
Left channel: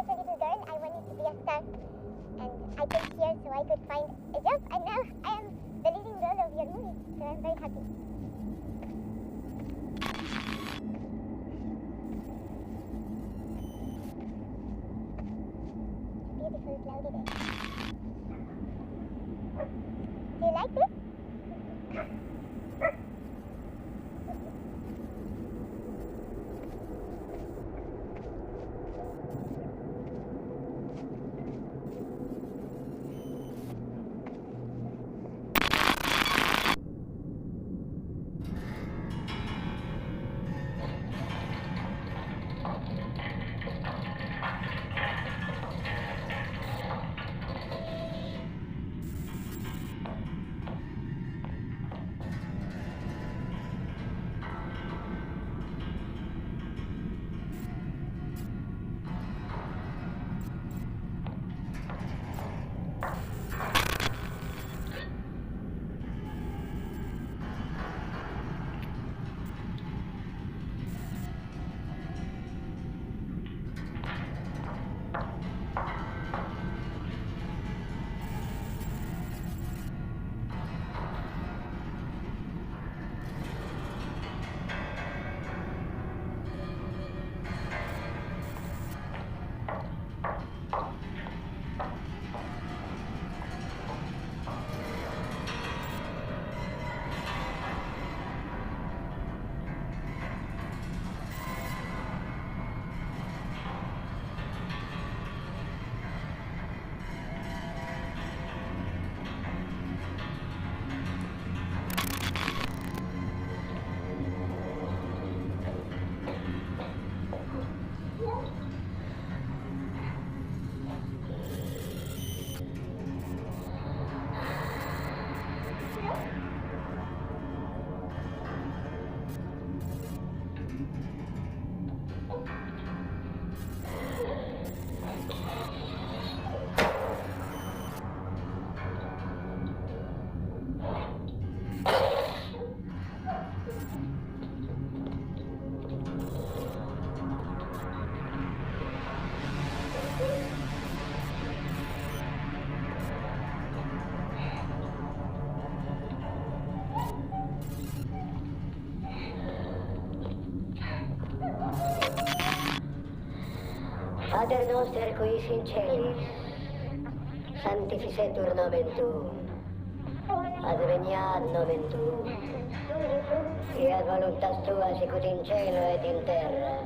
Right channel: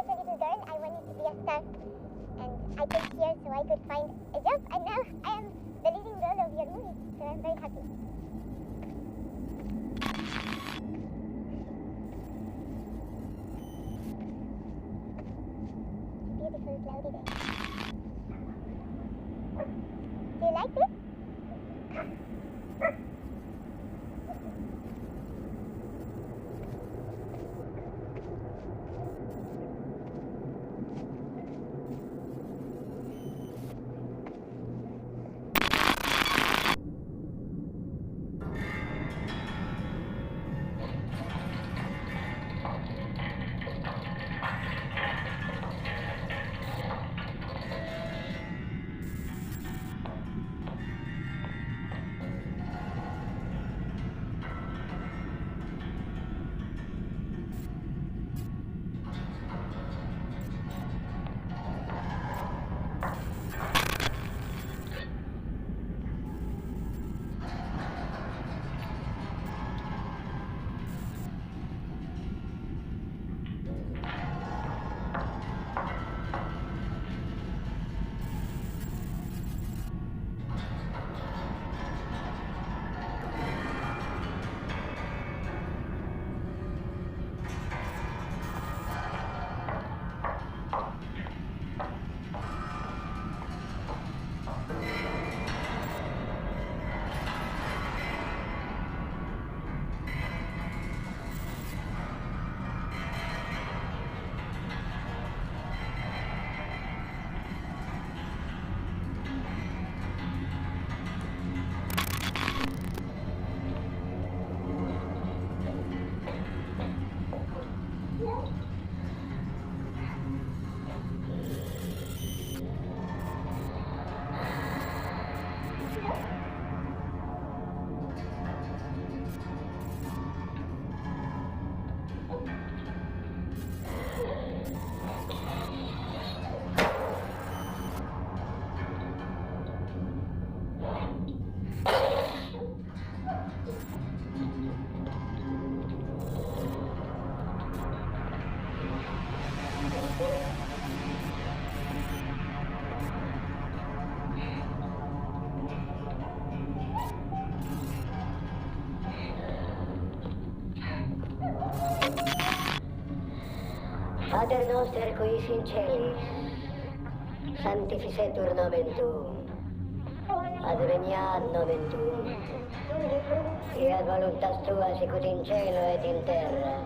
was a little girl, I wanted to be a star. And I came here so I could find a job, and now I am the leading role of your movie, so I'm very happy. It's a beautiful cloudy day. Do you like this? Pater noster qui is in celis, sanctificetur nomen tuum, adveniat nomen tuum, fiat voluntas tua sicut in cielo et in terra,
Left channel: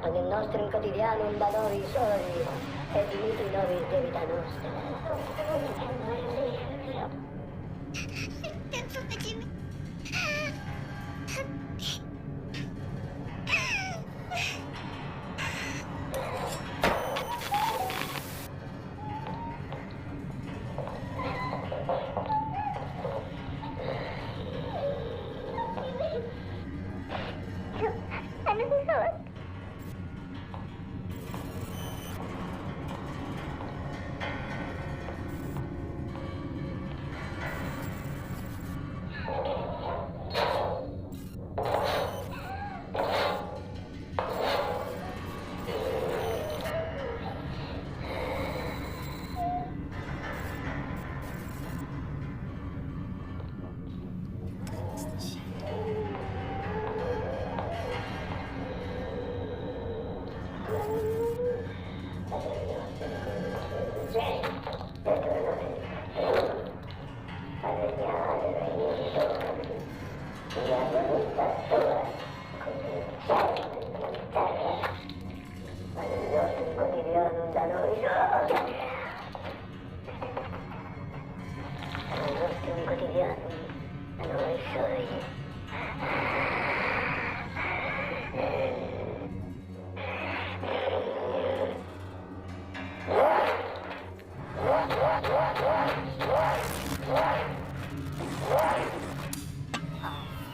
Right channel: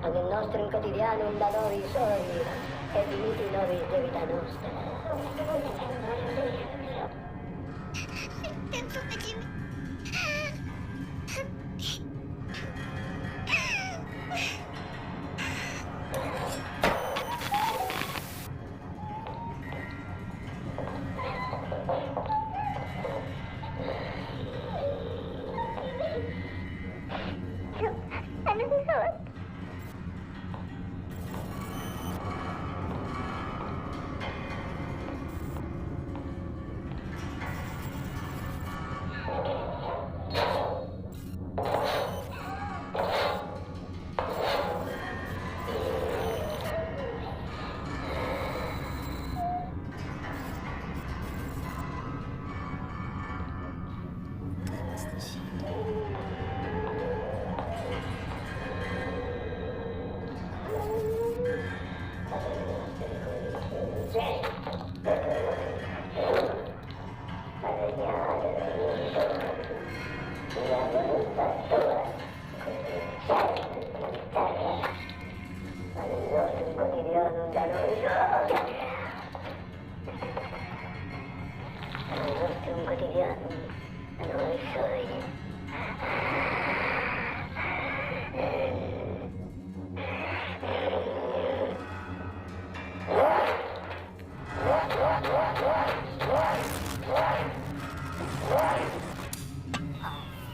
panem nostrum quotidianum da nobis hodie, et dimitti nobis debita nostra.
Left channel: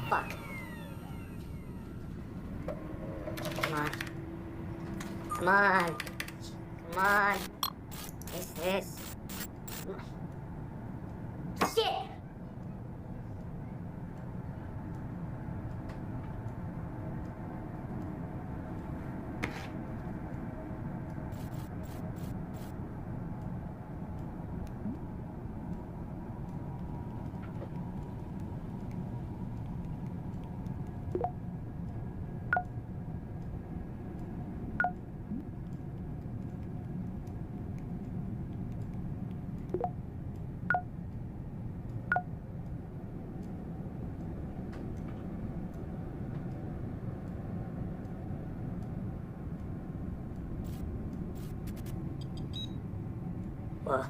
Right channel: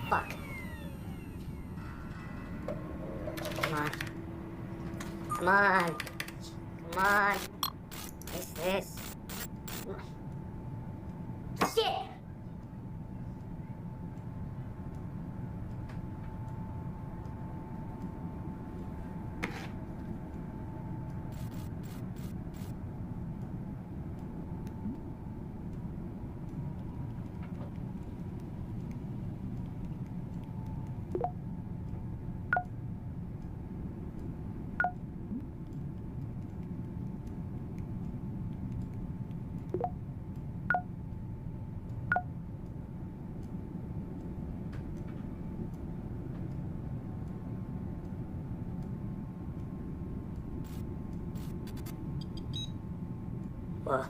Fuck. Come on. Come on. Come on. What's this? Shit! Whoa.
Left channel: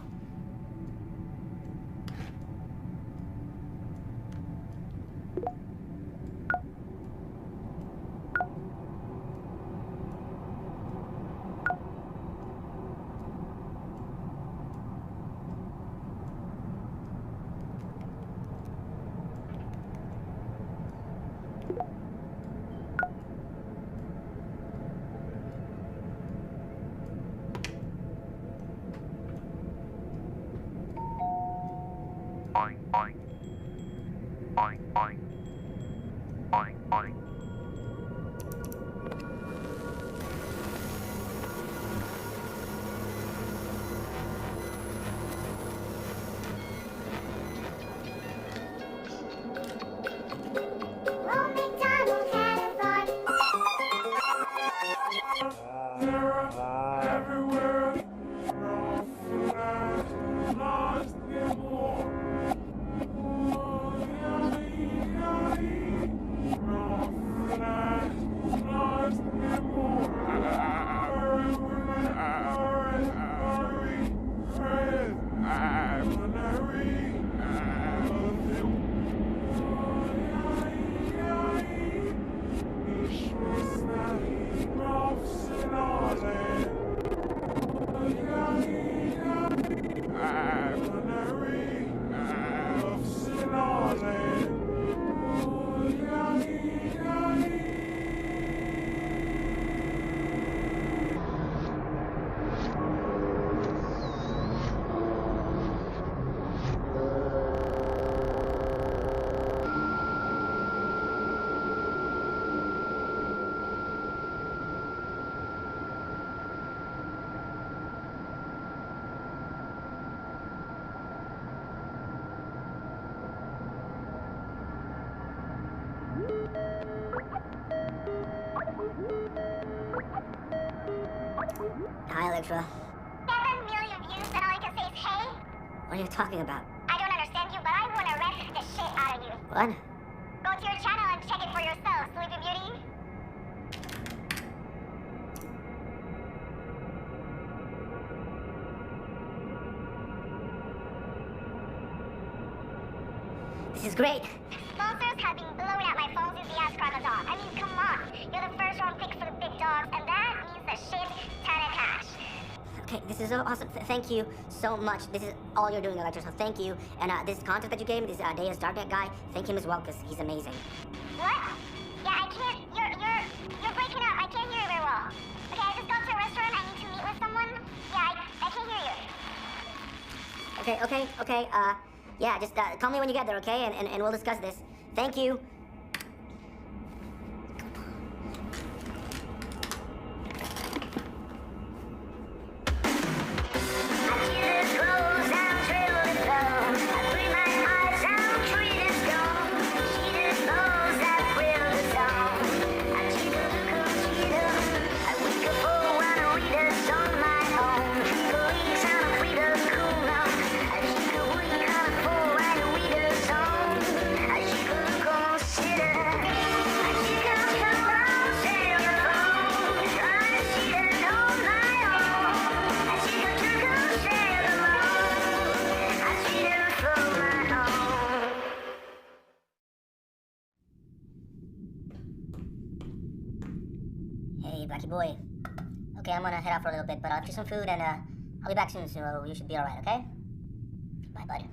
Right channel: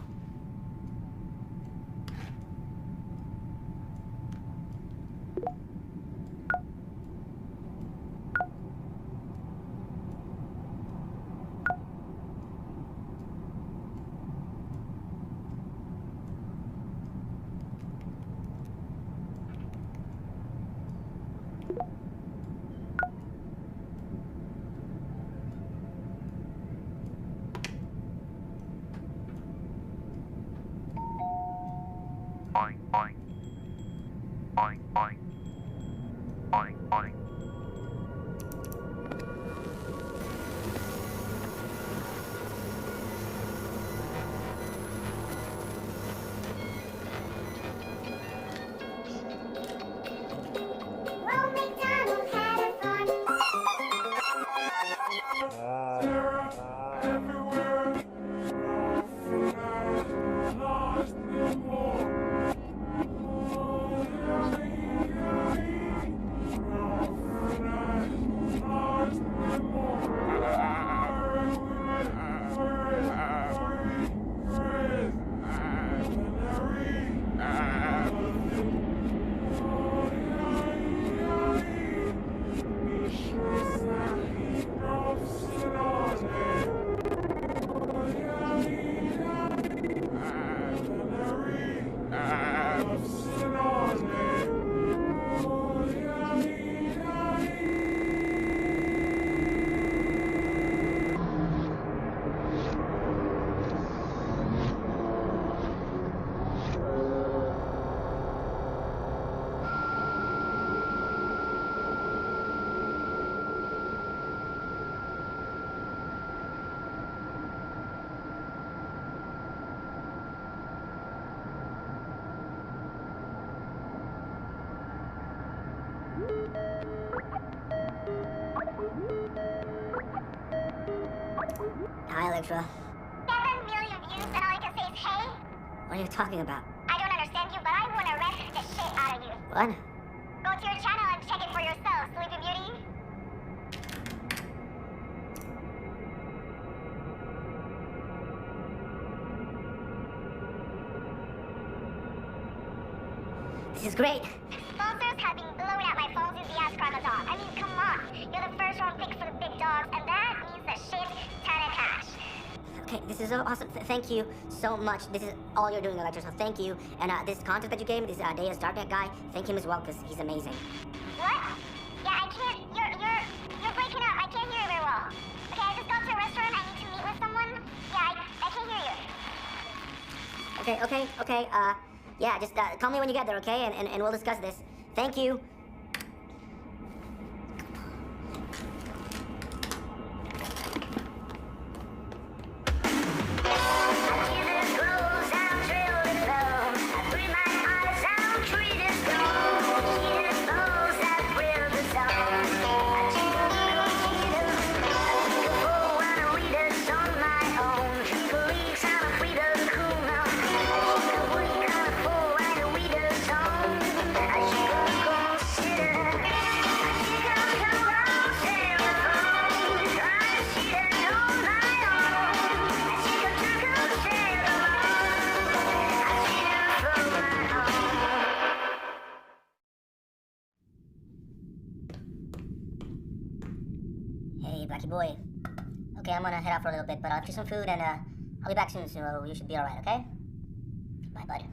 Well, McDonald had a farm. Hi, Electra. 7 million views and all you can say is hey? What are you talking about? I don't understand you, but I want to wreck the shit out of you. What? Go to your channel and check it for yourself, Sleeping Beauty. This is great. Sponsors have been blowing out my phone since the ass crocodile. I mean, come on. You're the first round pick for the big dogs, and that means a shit ton of cash. Okay, this is so awesome. Thank you so much. This is all you're doing, Electra, so thank you. And this contact that you gave me, this Deus Darknet guy, thank him as well, because he's amazing. What? Yeah, I can't. You're breaking up. I can't hear you very well. Okay, I just got to a restaurant. I need to meet with someone. Yeah, I can't hear you. Okay. Yeah, just call me when you get there, okay? And we'll discuss this. Thank you. Hey, Blackie boy. Okay, I'm gonna head out for a little bit, but I'll get you some food and I'll be back soon, so you should be alright, okay? Bye, bud.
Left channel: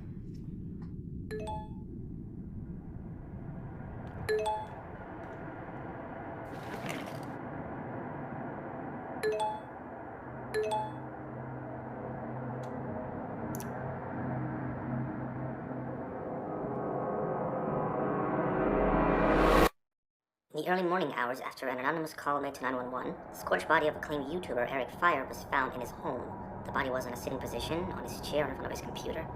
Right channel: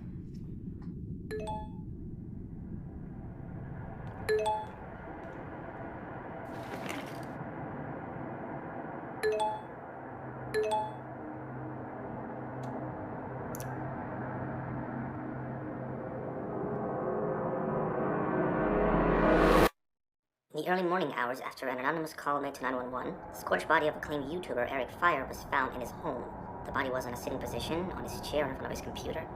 In the early morning hours after an anonymous call made to 911, the scorched body of acclaimed YouTuber Eric Fire was found in his home. The body was in a sitting position on his chair in front of his computer.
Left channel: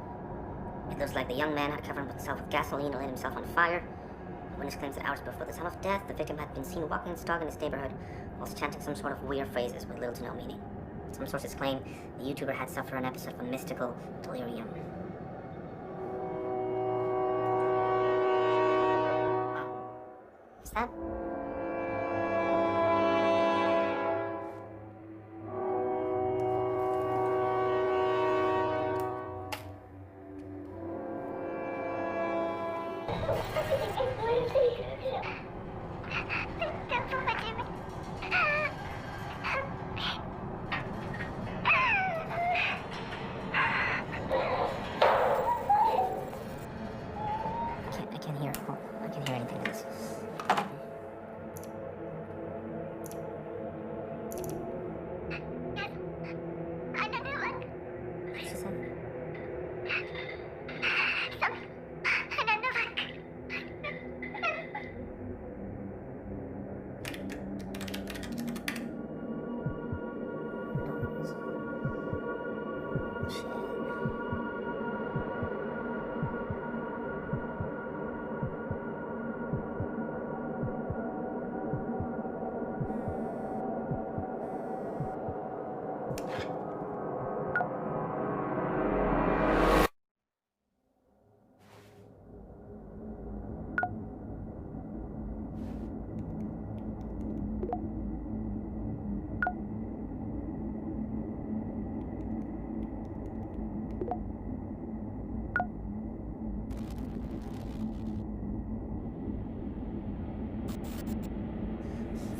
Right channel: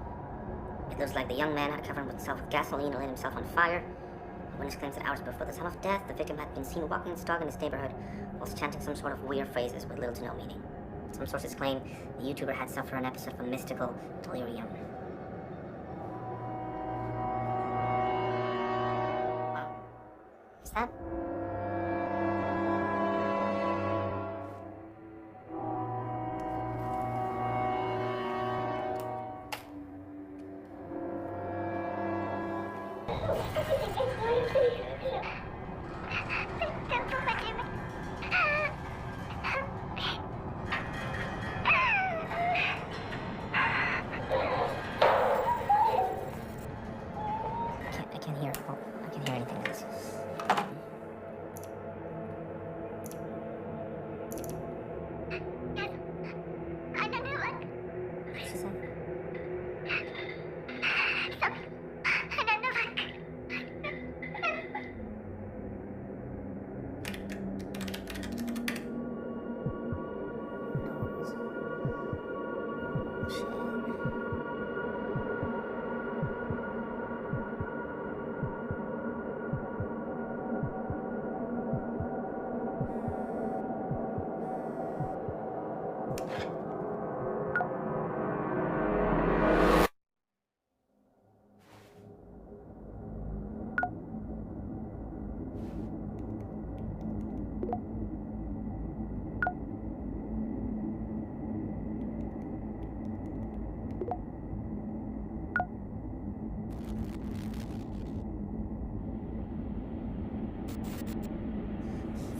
It looks like the young man had covered himself with gasoline and lit himself on fire. A witness claims that hours before the time of death, the victim had been seen walking his dog in his neighborhood whilst chanting some sort of weird phrases with little to no meaning. Some sources claim the YouTuber had suffered an episode of mystical delirium. Wow. Is that? she say?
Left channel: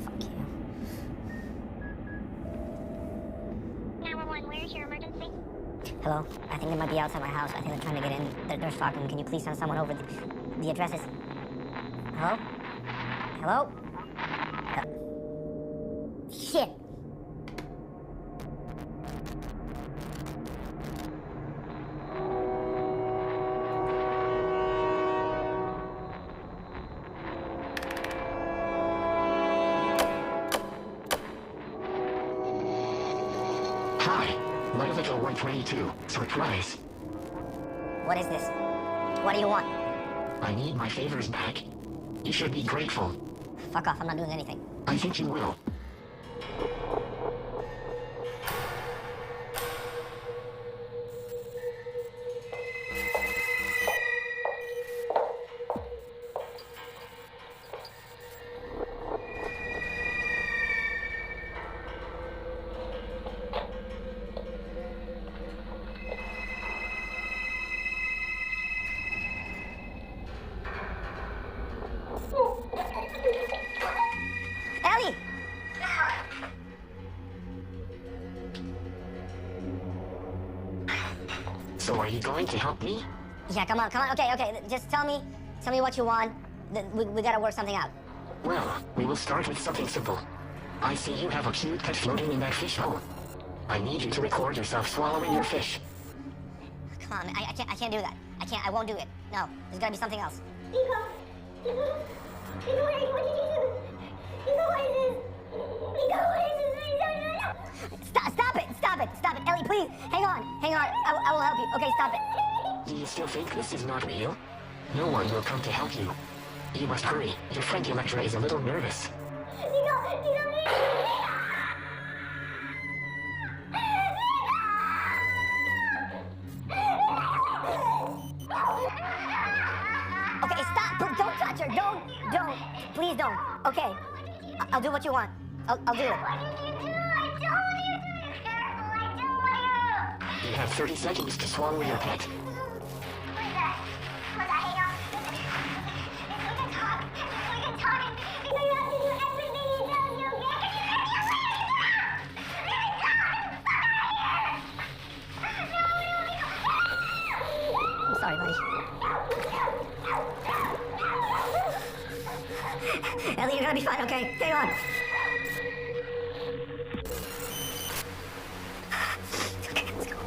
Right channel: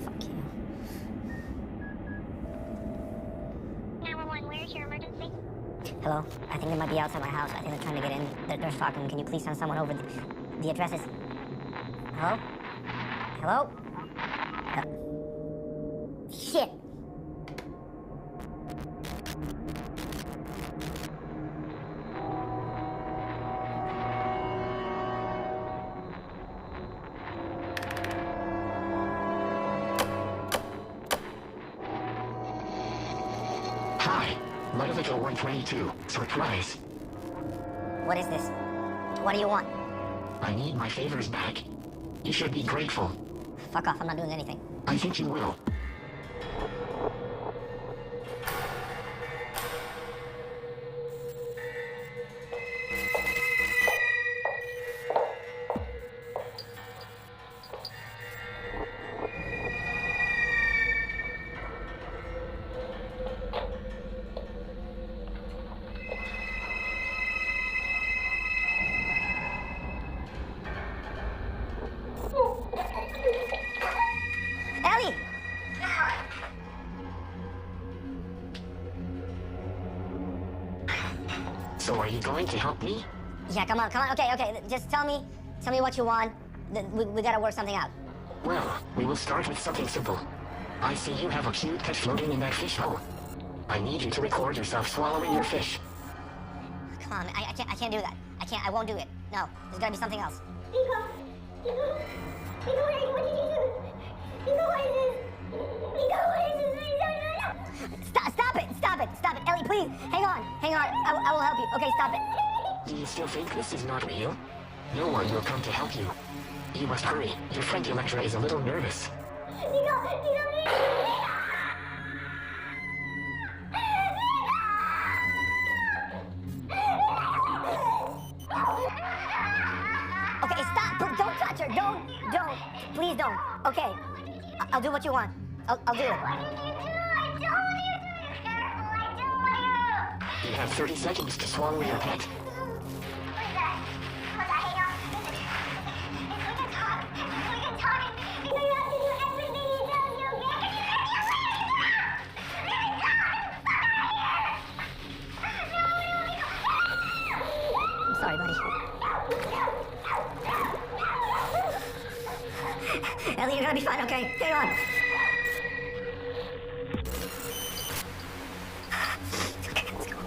Fuck you. 911, where's your emergency? Hello? I think they might be outside my house. I think they're trying to get in. They're stalking me. Can you please send someone over? The address is... Hello? Hello? Shit! Hi, Ludovico 122. Surprise. What is this? What do you want? I need my favors back. You should be grateful. Fuck off, I'm not doing anything. I think you will. Ellie! So are you going to help me? Yeah, come on. Okay. Just tell me what you want. We gotta work something out. Well, we will start with something simple. I see you have a cute pet floating in that fish hole. I need you to record yourself swallowing your fish. Come on, I can't do that. I won't do it. No, there's gotta be something else. Nico, what did you do? Nico, what is this? Nico, what is this? Stop it. Ellie, please, hang on. I will help you. Okay, stop it. Do you still think this is not real? No one will come to help you. You must hurry. Your friend Electra is a little nervous. Okay, stop. Don't touch her. Don't. Please don't. Okay, I'll do what you want. I'll do it. You have 30 seconds to swallow your pet. I'm sorry, buddy. Ellie, you're gonna be fine, okay? Hang on. Okay, let's go.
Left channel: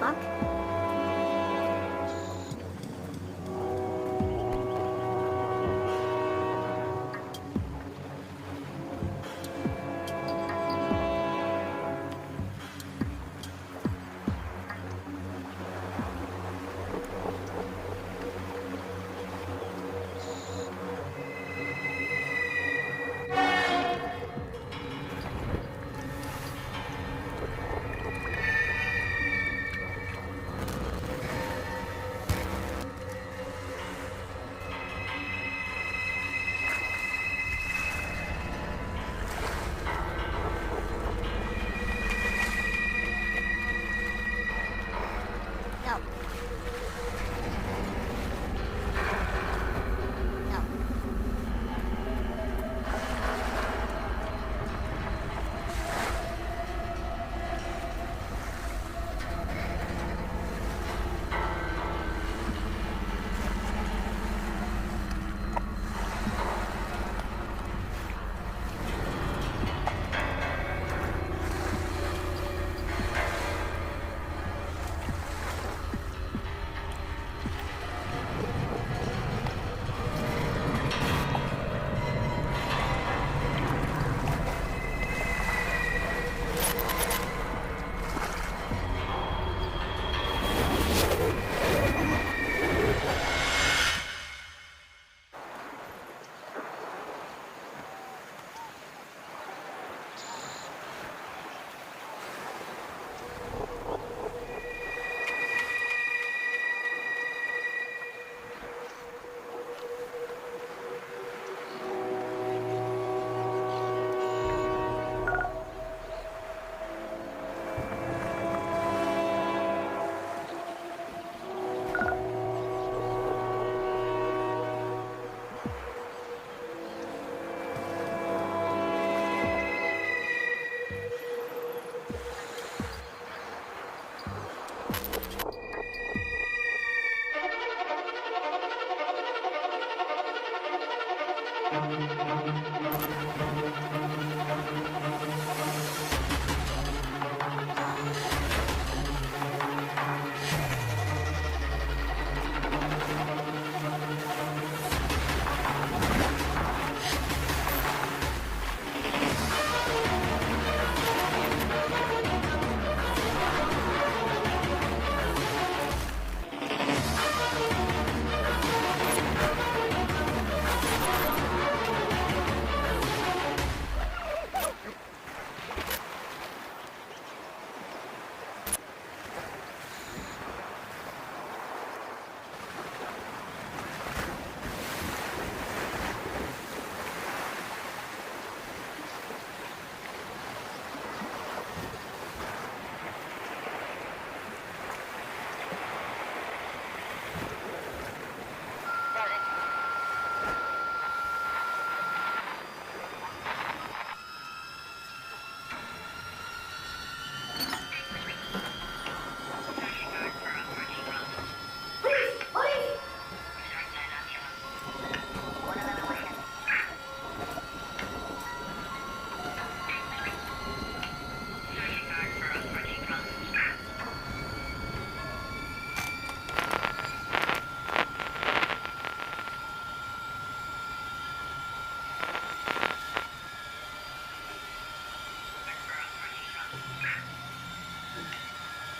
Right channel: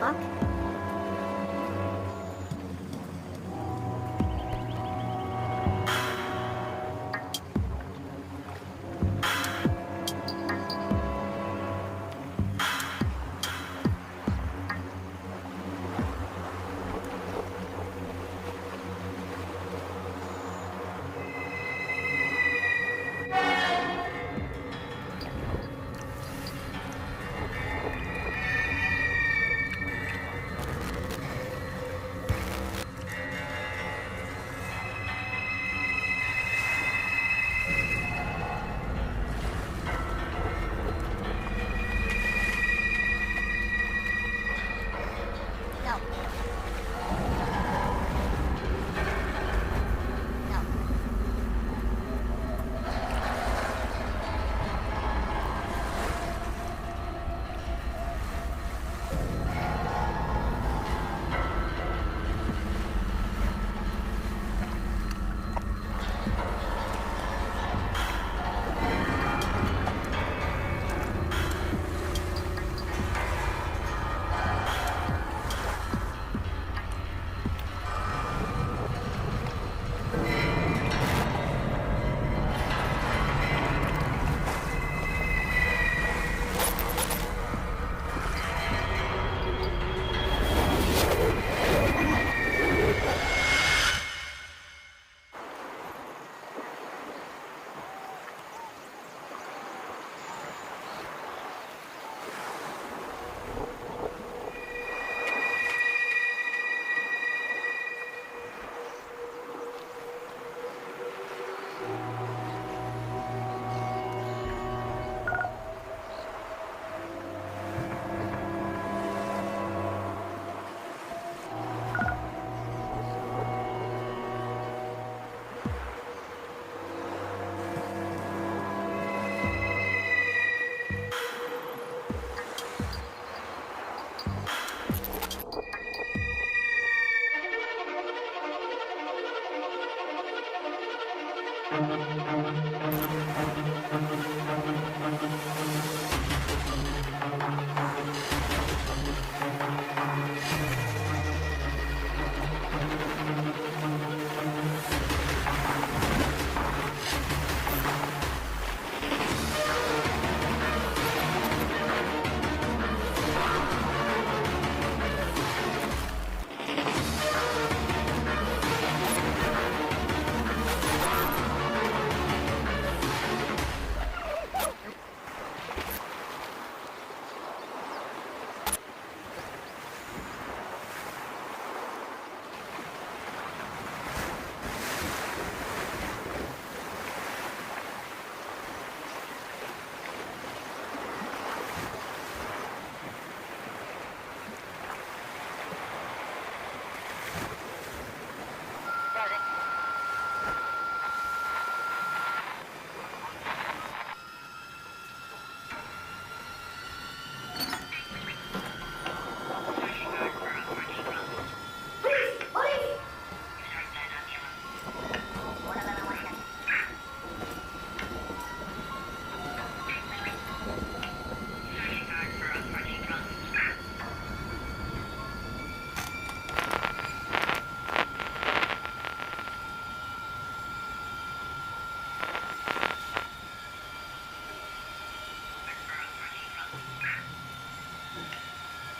fuck? No. No.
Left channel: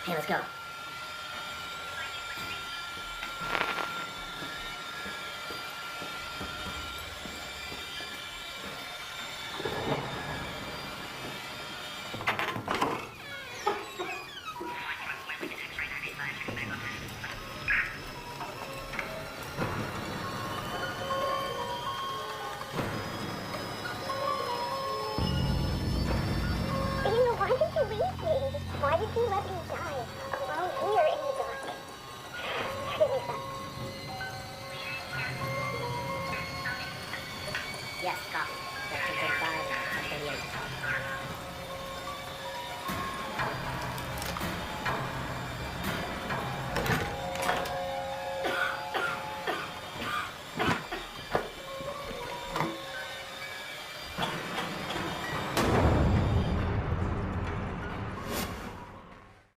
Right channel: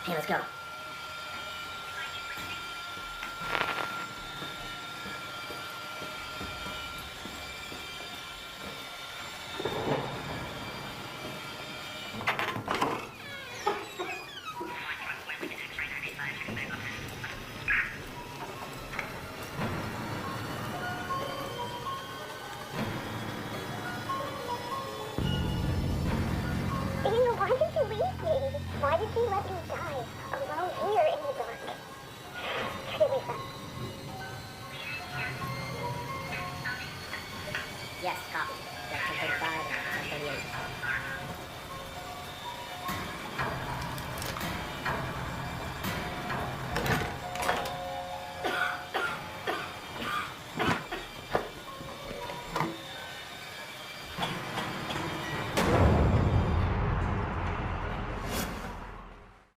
Hey, let's go. Daniel, why did you leave me? Why did you let me die alone here in the dark? Forgive me, son. Yes, copy. Got 10:35 and 10:38.